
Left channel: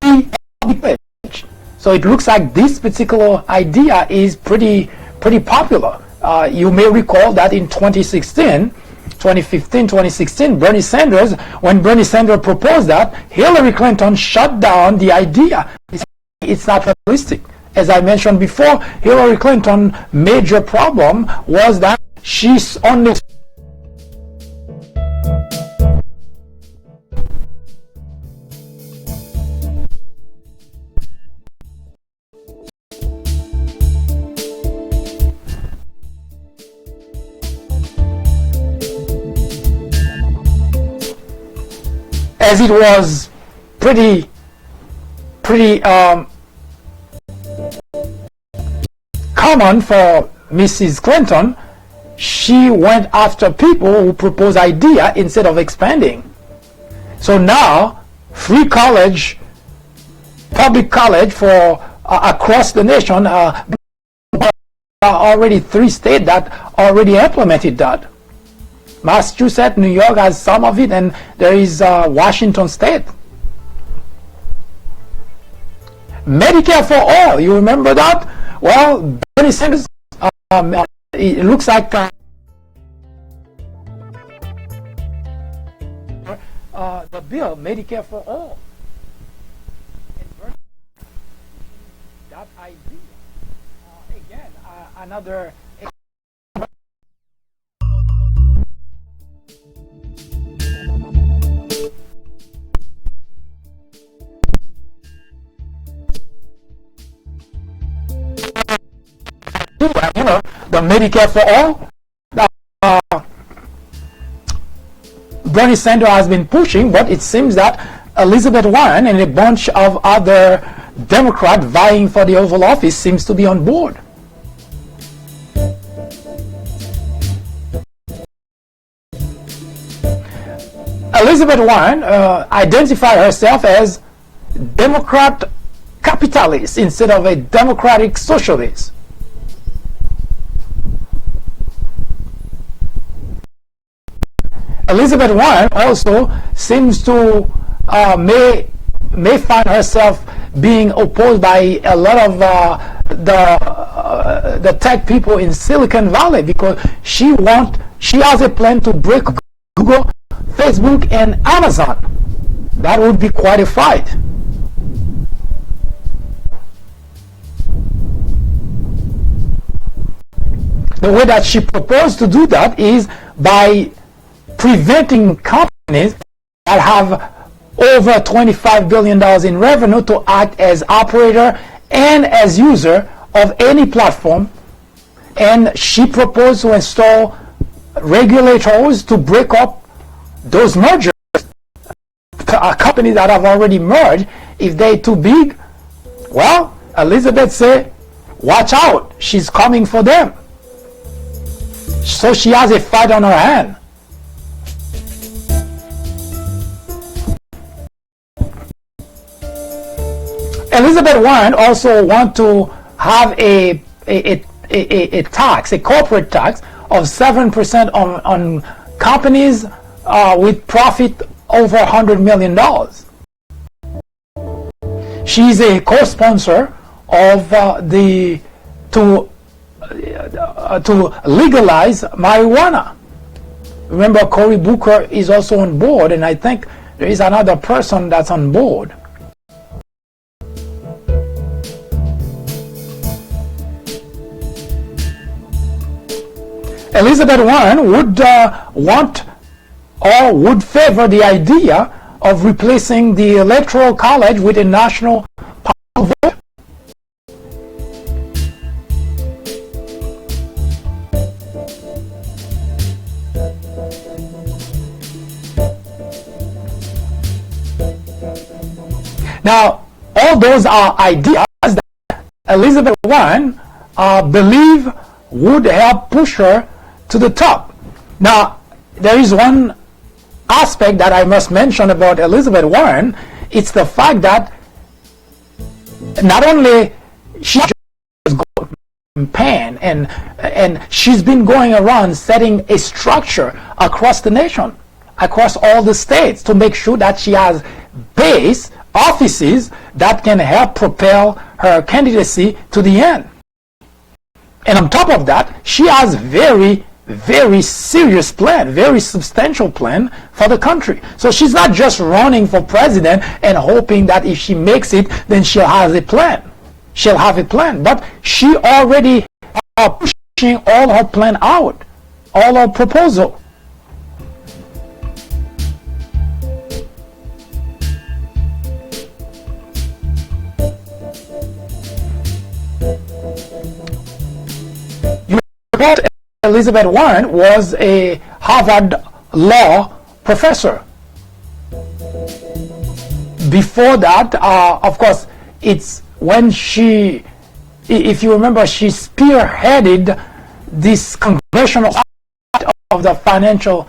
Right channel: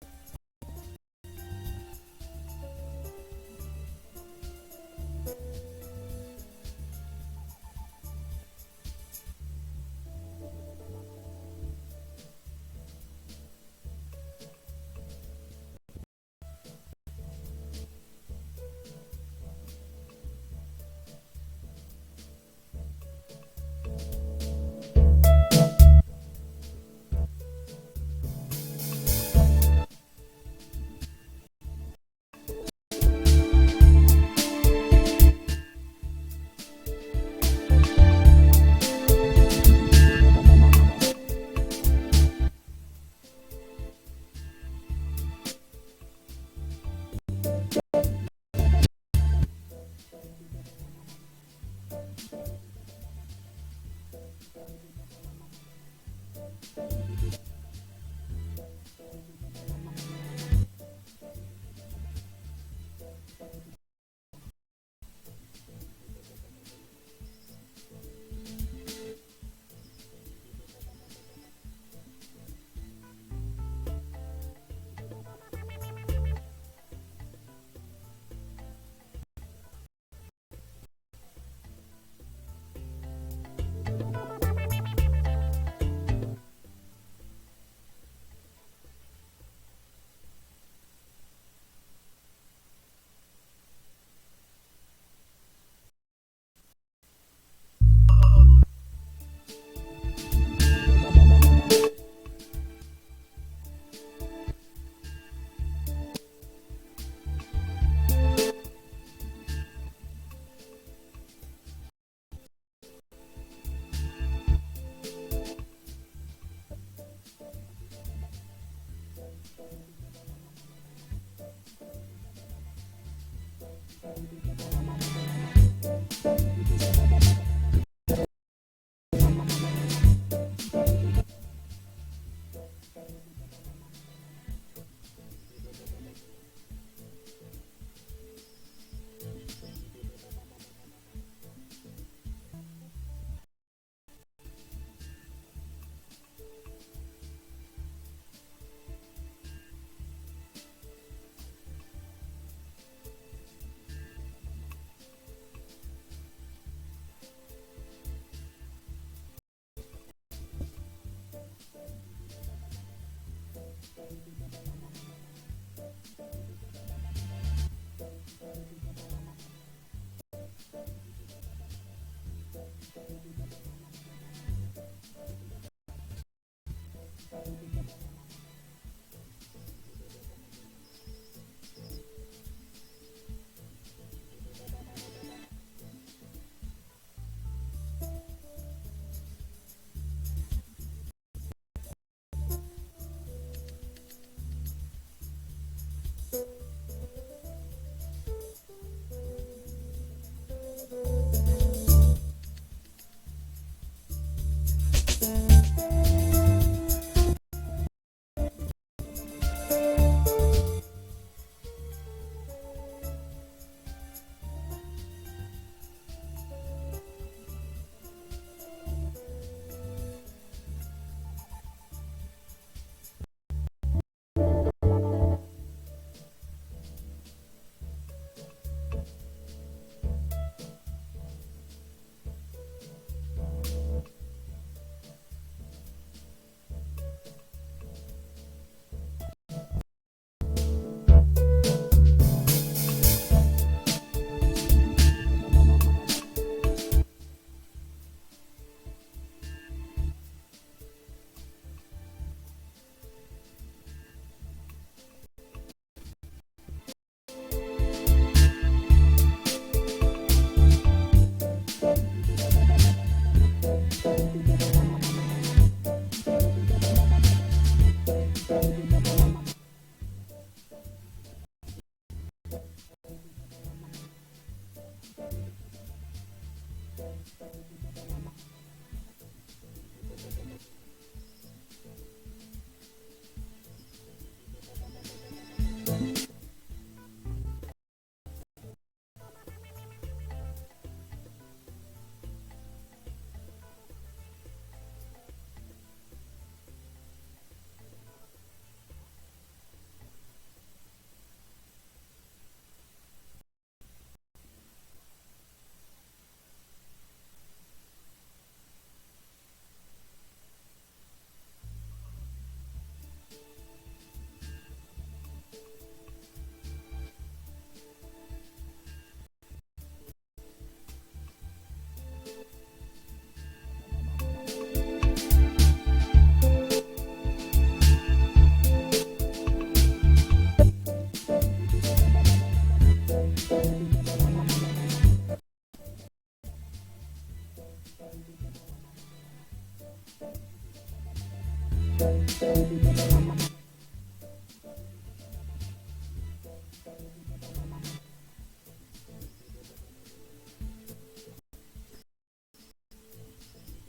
free public college. So it looks like this particular idea is pretty popular. You may recall that in 2015, 2016, Bernie Sanders, when Bernie Sanders proposed that, Hillary Clinton shut down the idea. It's not realistic. As I mentioned before, Hillary Clinton's major problem was that she's only as it was pretty common for Mrs. Clinton, she went after people who propose idea instead of expanding. So now, free college, public college for across the nation, are already 3 states that already implemented that. Massachusetts, New York has some of it, and there is Washington State. Medicare for all, you remember that? Well, Bernie Sanders, it looks like the bill, Medicare for all. And Bernie, that idea, again, another the Medicare for all that Bernie Sanders has been pushing, but it seems that Elizabeth Warren and a bunch of other Democrats vying for the Oval Office seems to be on board. Elizabeth Warren identified herself as Democrat capitalist instead of a democratic socialist. Elizabeth Warren also seems to may find herself being opposed by a lot of the tech people in Silicon Valley, because she has a plan to break Google, Facebook, and Amazon. That would be quite a fight. The way that she proposed to do that is by preventing companies that have over $25 billion in revenue to act as operator and as user of any platform. And she proposed to install regulators to break up those mergers. Companies that have already merged, if they're too big, well, Elizabeth said, watch out, she's coming for them. So she has a fight on her hand. Elizabeth Warren also wants to have a tax, a corporate tax of 7% on companies with profit over $100 million. She's a co-sponsor of to legalize marijuana. Remember, Cory Booker is also on board, and I think there is another person that's on board. Elizabeth Warren would want or would favor the idea of replacing the Electoral College with a national popular vote. Now, all those are ideas that Elizabeth Warren believe would help push her to the top. Now, there is one aspect that I must mention about Elizabeth Warren. It's the fact that not only she just campaign and she's been going around setting a structure across the nation, across all the states, to make sure that she has base offices that can help propel her candidacy to the end. And on top of that, she has very serious plan, very substantial plan for the country. So she's not just running for president and hoping that if she makes it, then she'll have a plan. She'll have a plan. But she already pushing all her plan out, all her proposal. Elizabeth Warren was a Harvard law professor. Before that, of course, it's when she, if you remember, she spearheaded this congressional of the financial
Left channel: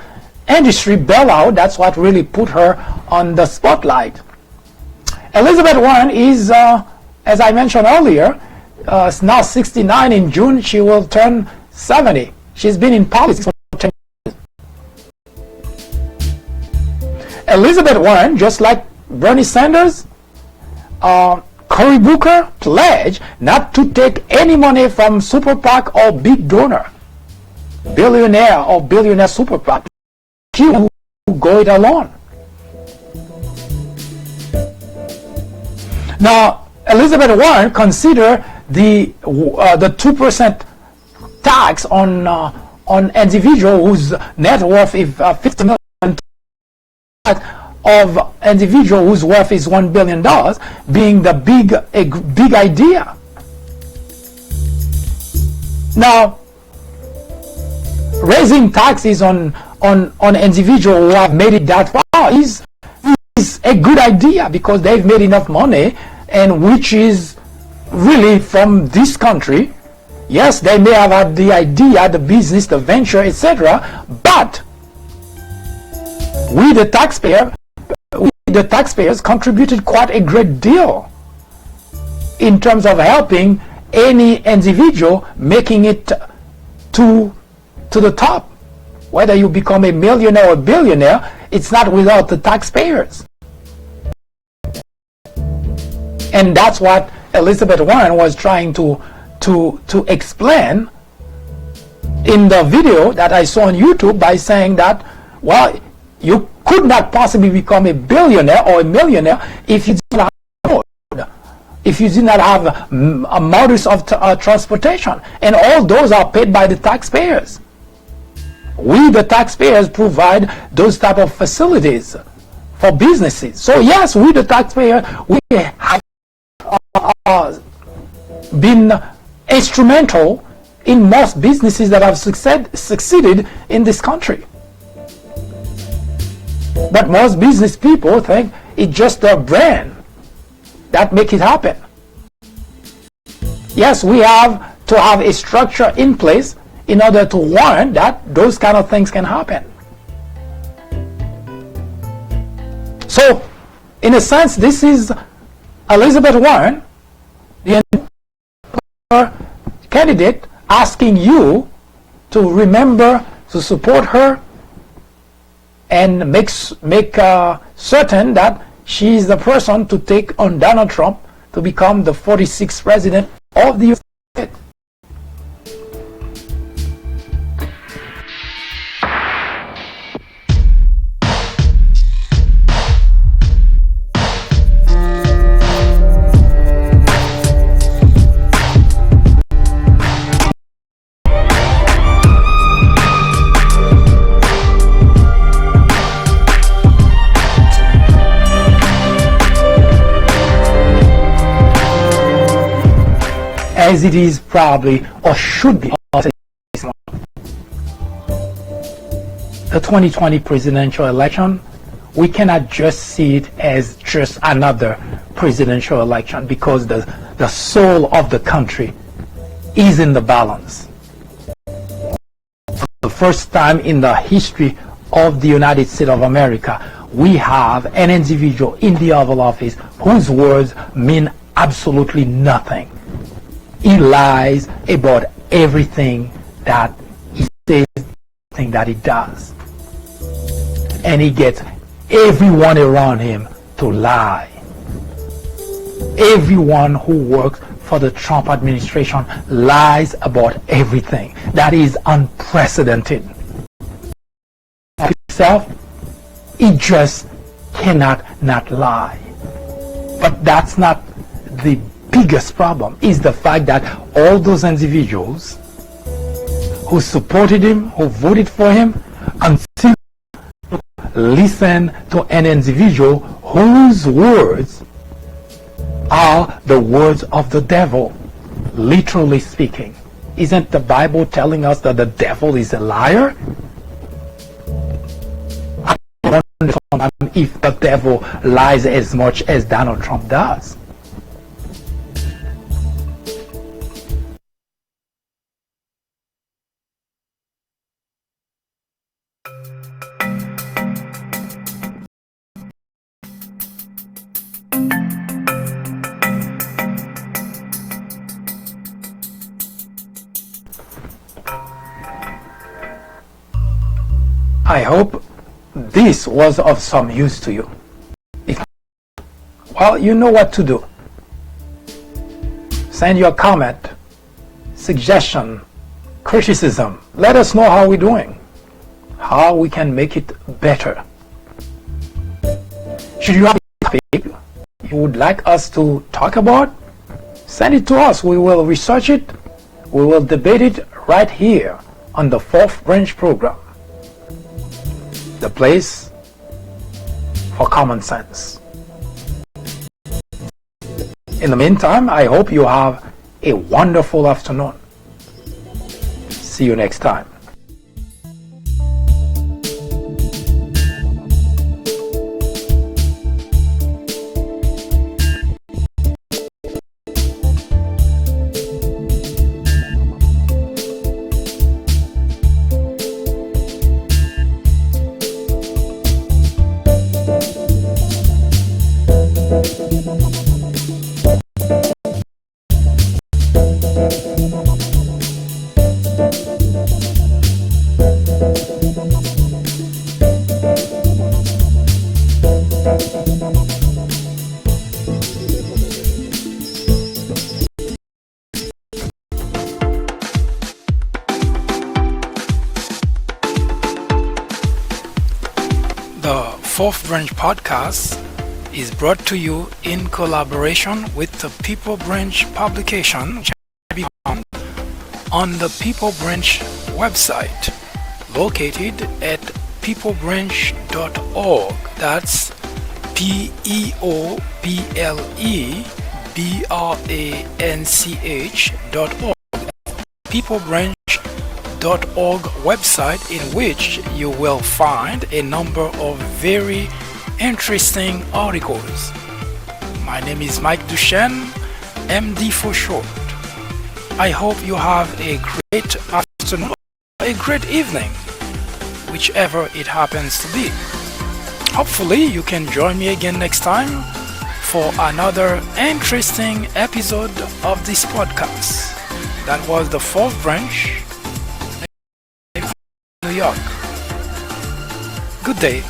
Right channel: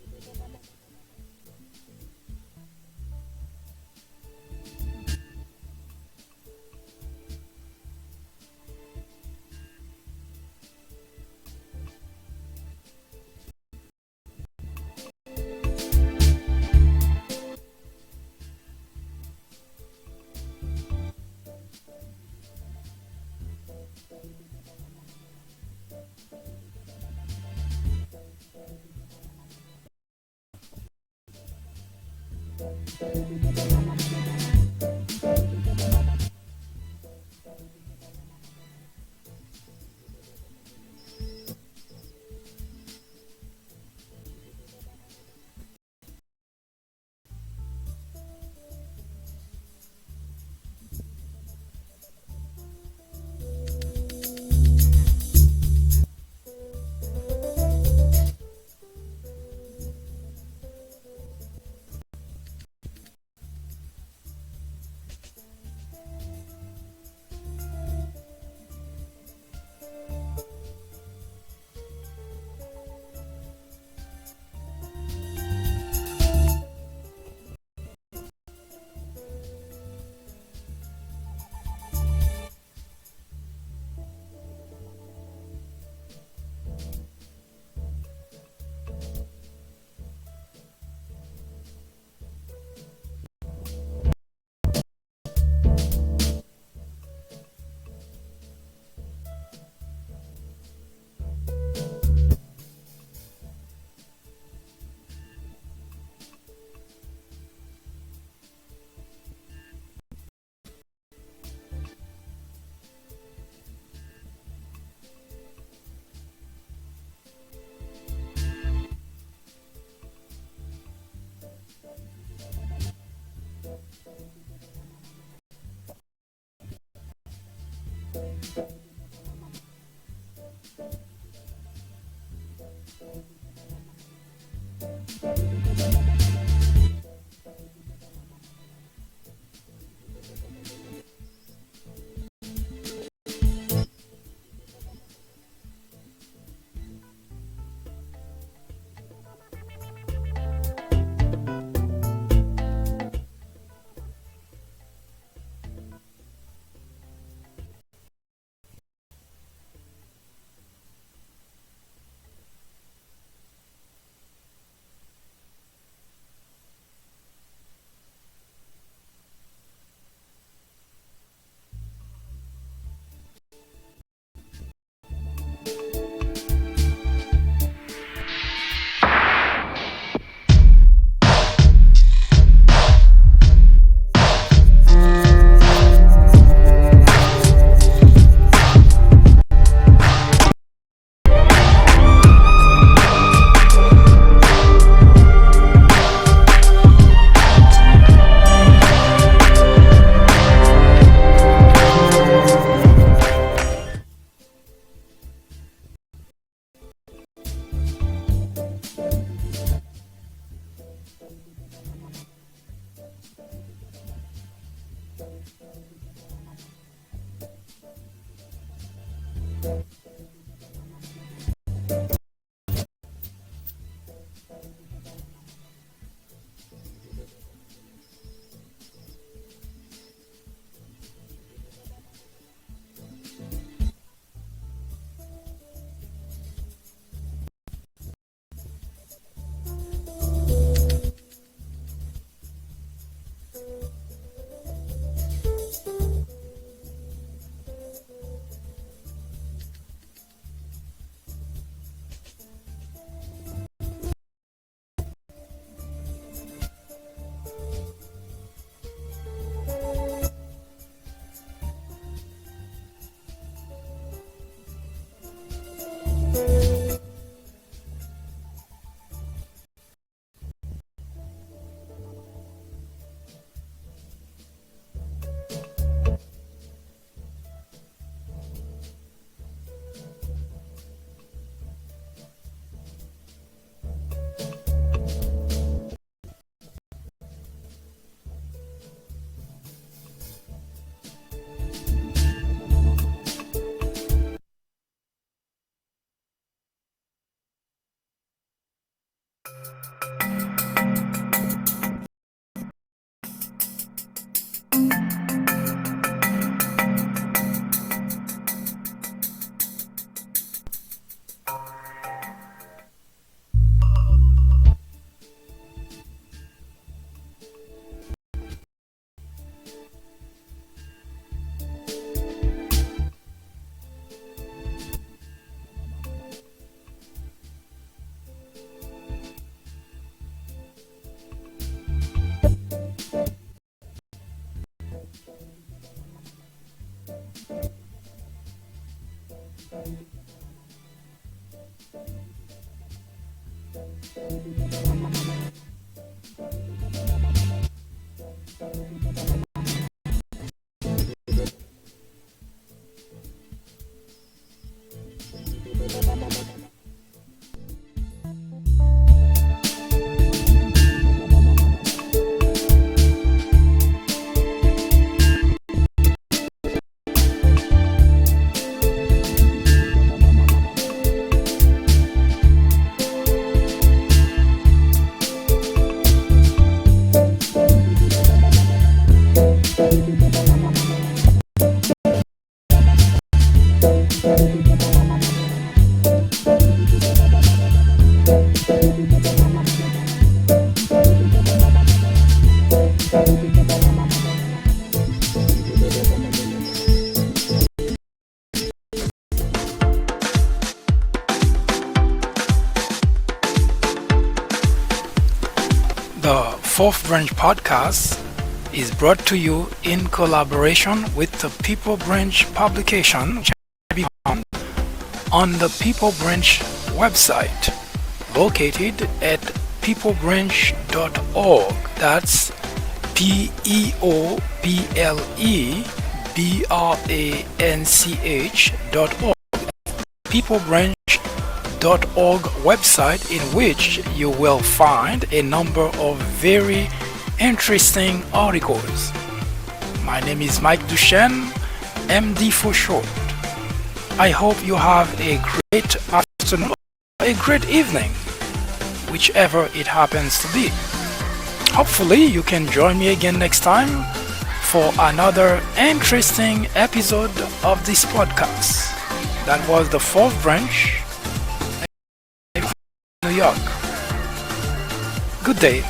industry bailout. That's what really put her on the spotlight. Elizabeth Warren is, as I mentioned earlier, now 69. In June, she will turn 70. She's been in politics for 10 years. Elizabeth Warren, just like Bernie Sanders, Cory Booker, pledged not to take any money from super PAC or big donor, billionaire or billionaire super PAC. She will go it alone. Now, Elizabeth Warren considered the 2% tax on individual whose net worth is $50 million, of individual whose worth is $1 billion, being a big idea. Now, raising taxes on individuals who have made it that far is a good idea because they've made enough money, and which is really from this country. Yes, they may have had the idea, the business, the venture, etc., but we the taxpayers contributed quite a great deal in terms of helping any individual making it to the top. Whether you become a millionaire or a billionaire, it's not without the taxpayers. And that's what Elizabeth Warren was trying to explain in the video that I saw on YouTube by saying that, well, you could not possibly become a billionaire or a millionaire if you did not have a road, if you did not have a modus of transportation, and all those are paid by the taxpayers. We, the taxpayers, provide those type of facilities for businesses. So yes, we, the taxpayer, we have been instrumental in most businesses that have succeeded in this country. But most business people think it's just their brand that make it happen. Yes, we have to have a structure in place in order to warrant that those kind of things can happen. So, in a sense, this is Elizabeth Warren, the candidate, asking you to remember to support her and make certain that she is the person to take on Donald Trump to become the 46th president of the United States. As it is probably or should be the 2020 presidential election, we cannot just see it as just another presidential election because the soul of the country is in the balance. For the first time in the history of the United States of America, we have an individual in the Oval Office whose words mean absolutely nothing. He lies about everything that he says, everything that he does. And he gets everyone around him to lie. Everyone who works for the Trump administration lies about everything. That is unprecedented. Himself, he just cannot not lie. But that's not the biggest problem. Is the fact that all those individuals who supported him, who voted for him, until listen to an individual whose words are the words of the devil, literally speaking. Isn't the Bible telling us that the devil is a liar? I don't understand if the devil lies as much as Donald Trump does. I hope this was of some use to you. Well, you know what to do. Send your comment, suggestion, criticism. Let us know how we're doing, how we can make it better. Should you have a topic you would like us to talk about, send it to us. We will research it. We will debate it right here on the Fourth Branch program. The place for common sense. In the meantime, I hope you have a wonderful afternoon. See you next time. The Fourth Branch podcast is brought to you in collaboration with the People Branch publication, which can be found on the People Branch website, located at peoplebranch.org. That's peoplebranch.org. peoplebranch.org website, in which you will find a number of very interesting articles. My name is Mike Duchesne, MD for short. I hope you have a great afternoon, a great evening, whichever it happens to be. Hopefully you can join me again next time for another interesting episode of this podcast. That was the Fourth Branch, New York. Good day.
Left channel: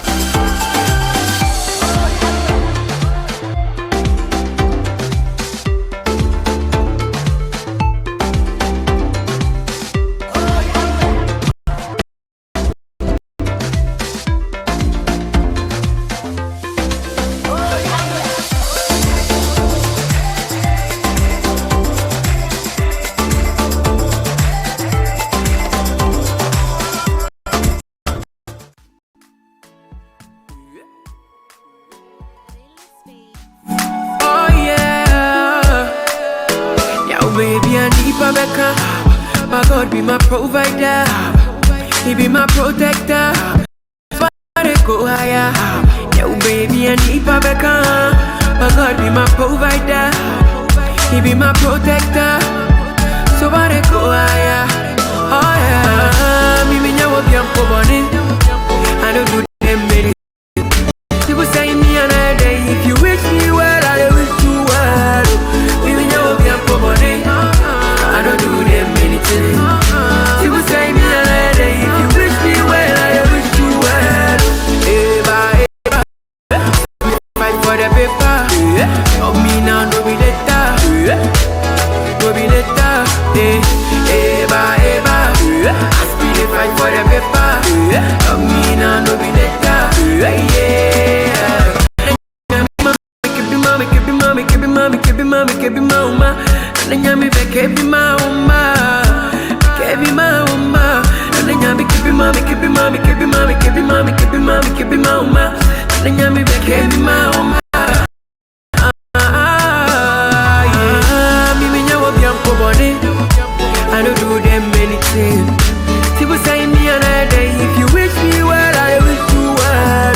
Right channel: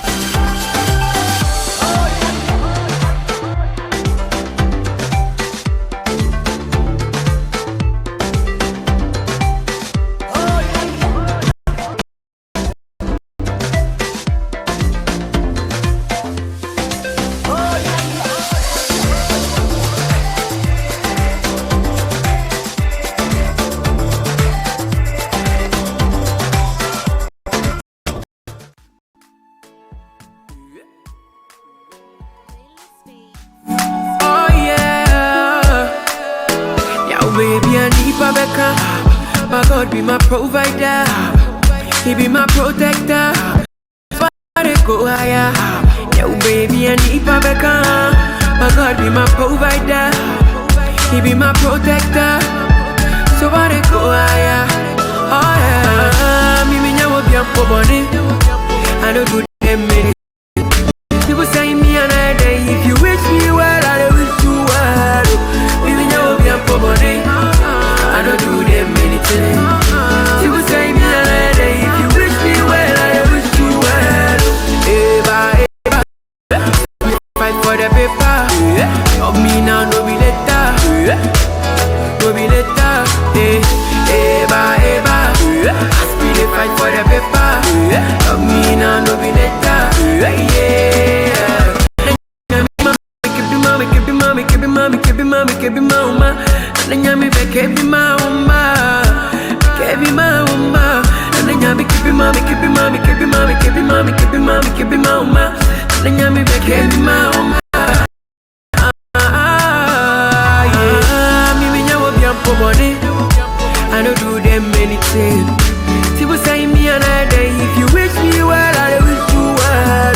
Baby, I need Rebecca. My God be my provider. He be my protector. Somebody go higher. Yo, baby, I need Rebecca. My God be my provider. He be my protector. Somebody go higher. Oh yeah. Me nyawo bi ampo boni. I don't do them many. People say me another day. If you wish me well, I wish you well. Me nyawo bi ampo boni. I don't do them anything. People say me another day. If you wish me well, I wish you well. Eva, fight for the paper. Of me now, no be later. No be later. Eva, ask me to fight for the paper. Of me now, no be later. Yeah. Kebi mama, and then me back kebi mama, and then me kebi mama, and then me back kebi mama. Me nyawo bi ampo body, I don't do them anything. People say me another day. If you wish me well, I wish you well.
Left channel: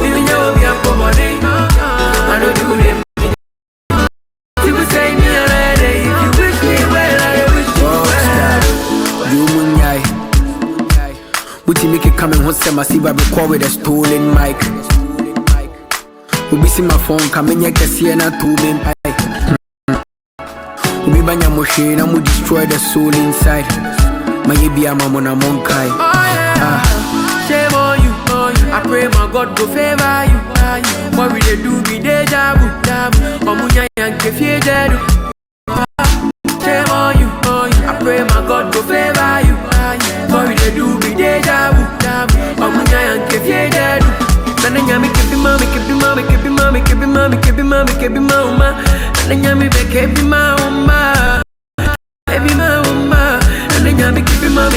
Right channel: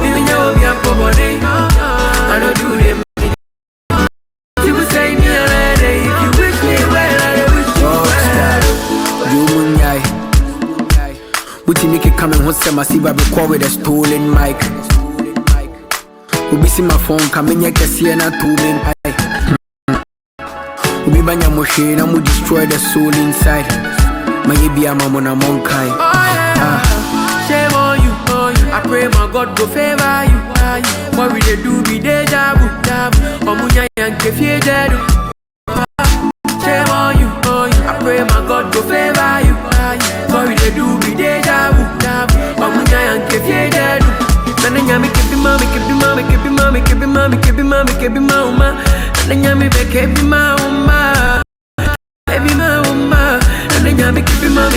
Me nyawo bi ampo body, I don't do them. Buti make it come and host them. I see I record with a stolen mic. Ubi see my phone coming here, can see and a two-man pie. Ubi banya moshe, na mu destroy the soul inside. My baby, I'm on a monkai. Shame on you. I pray my God go favor you. What we they do be deja vu. Omunya yanke fie jedu. Shame on you. I pray my God go favor you. What we they do be deja vu. Omunya yanke fie jedu. Nanya me kebi mama. Nanya me be kebi mama. Kebi mama. Nanya me kebi mama.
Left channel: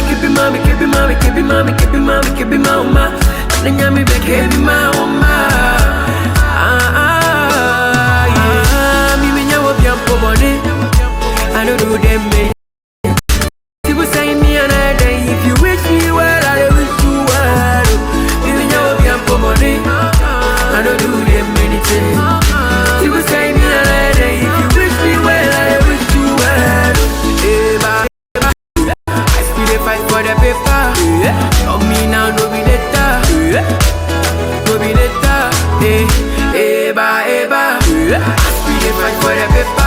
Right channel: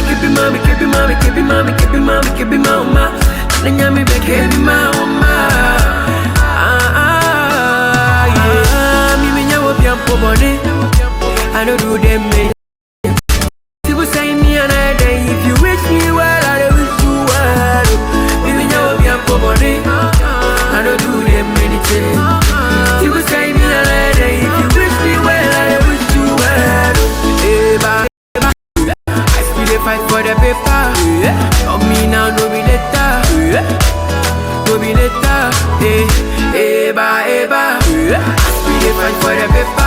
Nanya me be kebi mama. Me nyawo bi ampo body. I don't do them many. People say me another day. fight for the paper.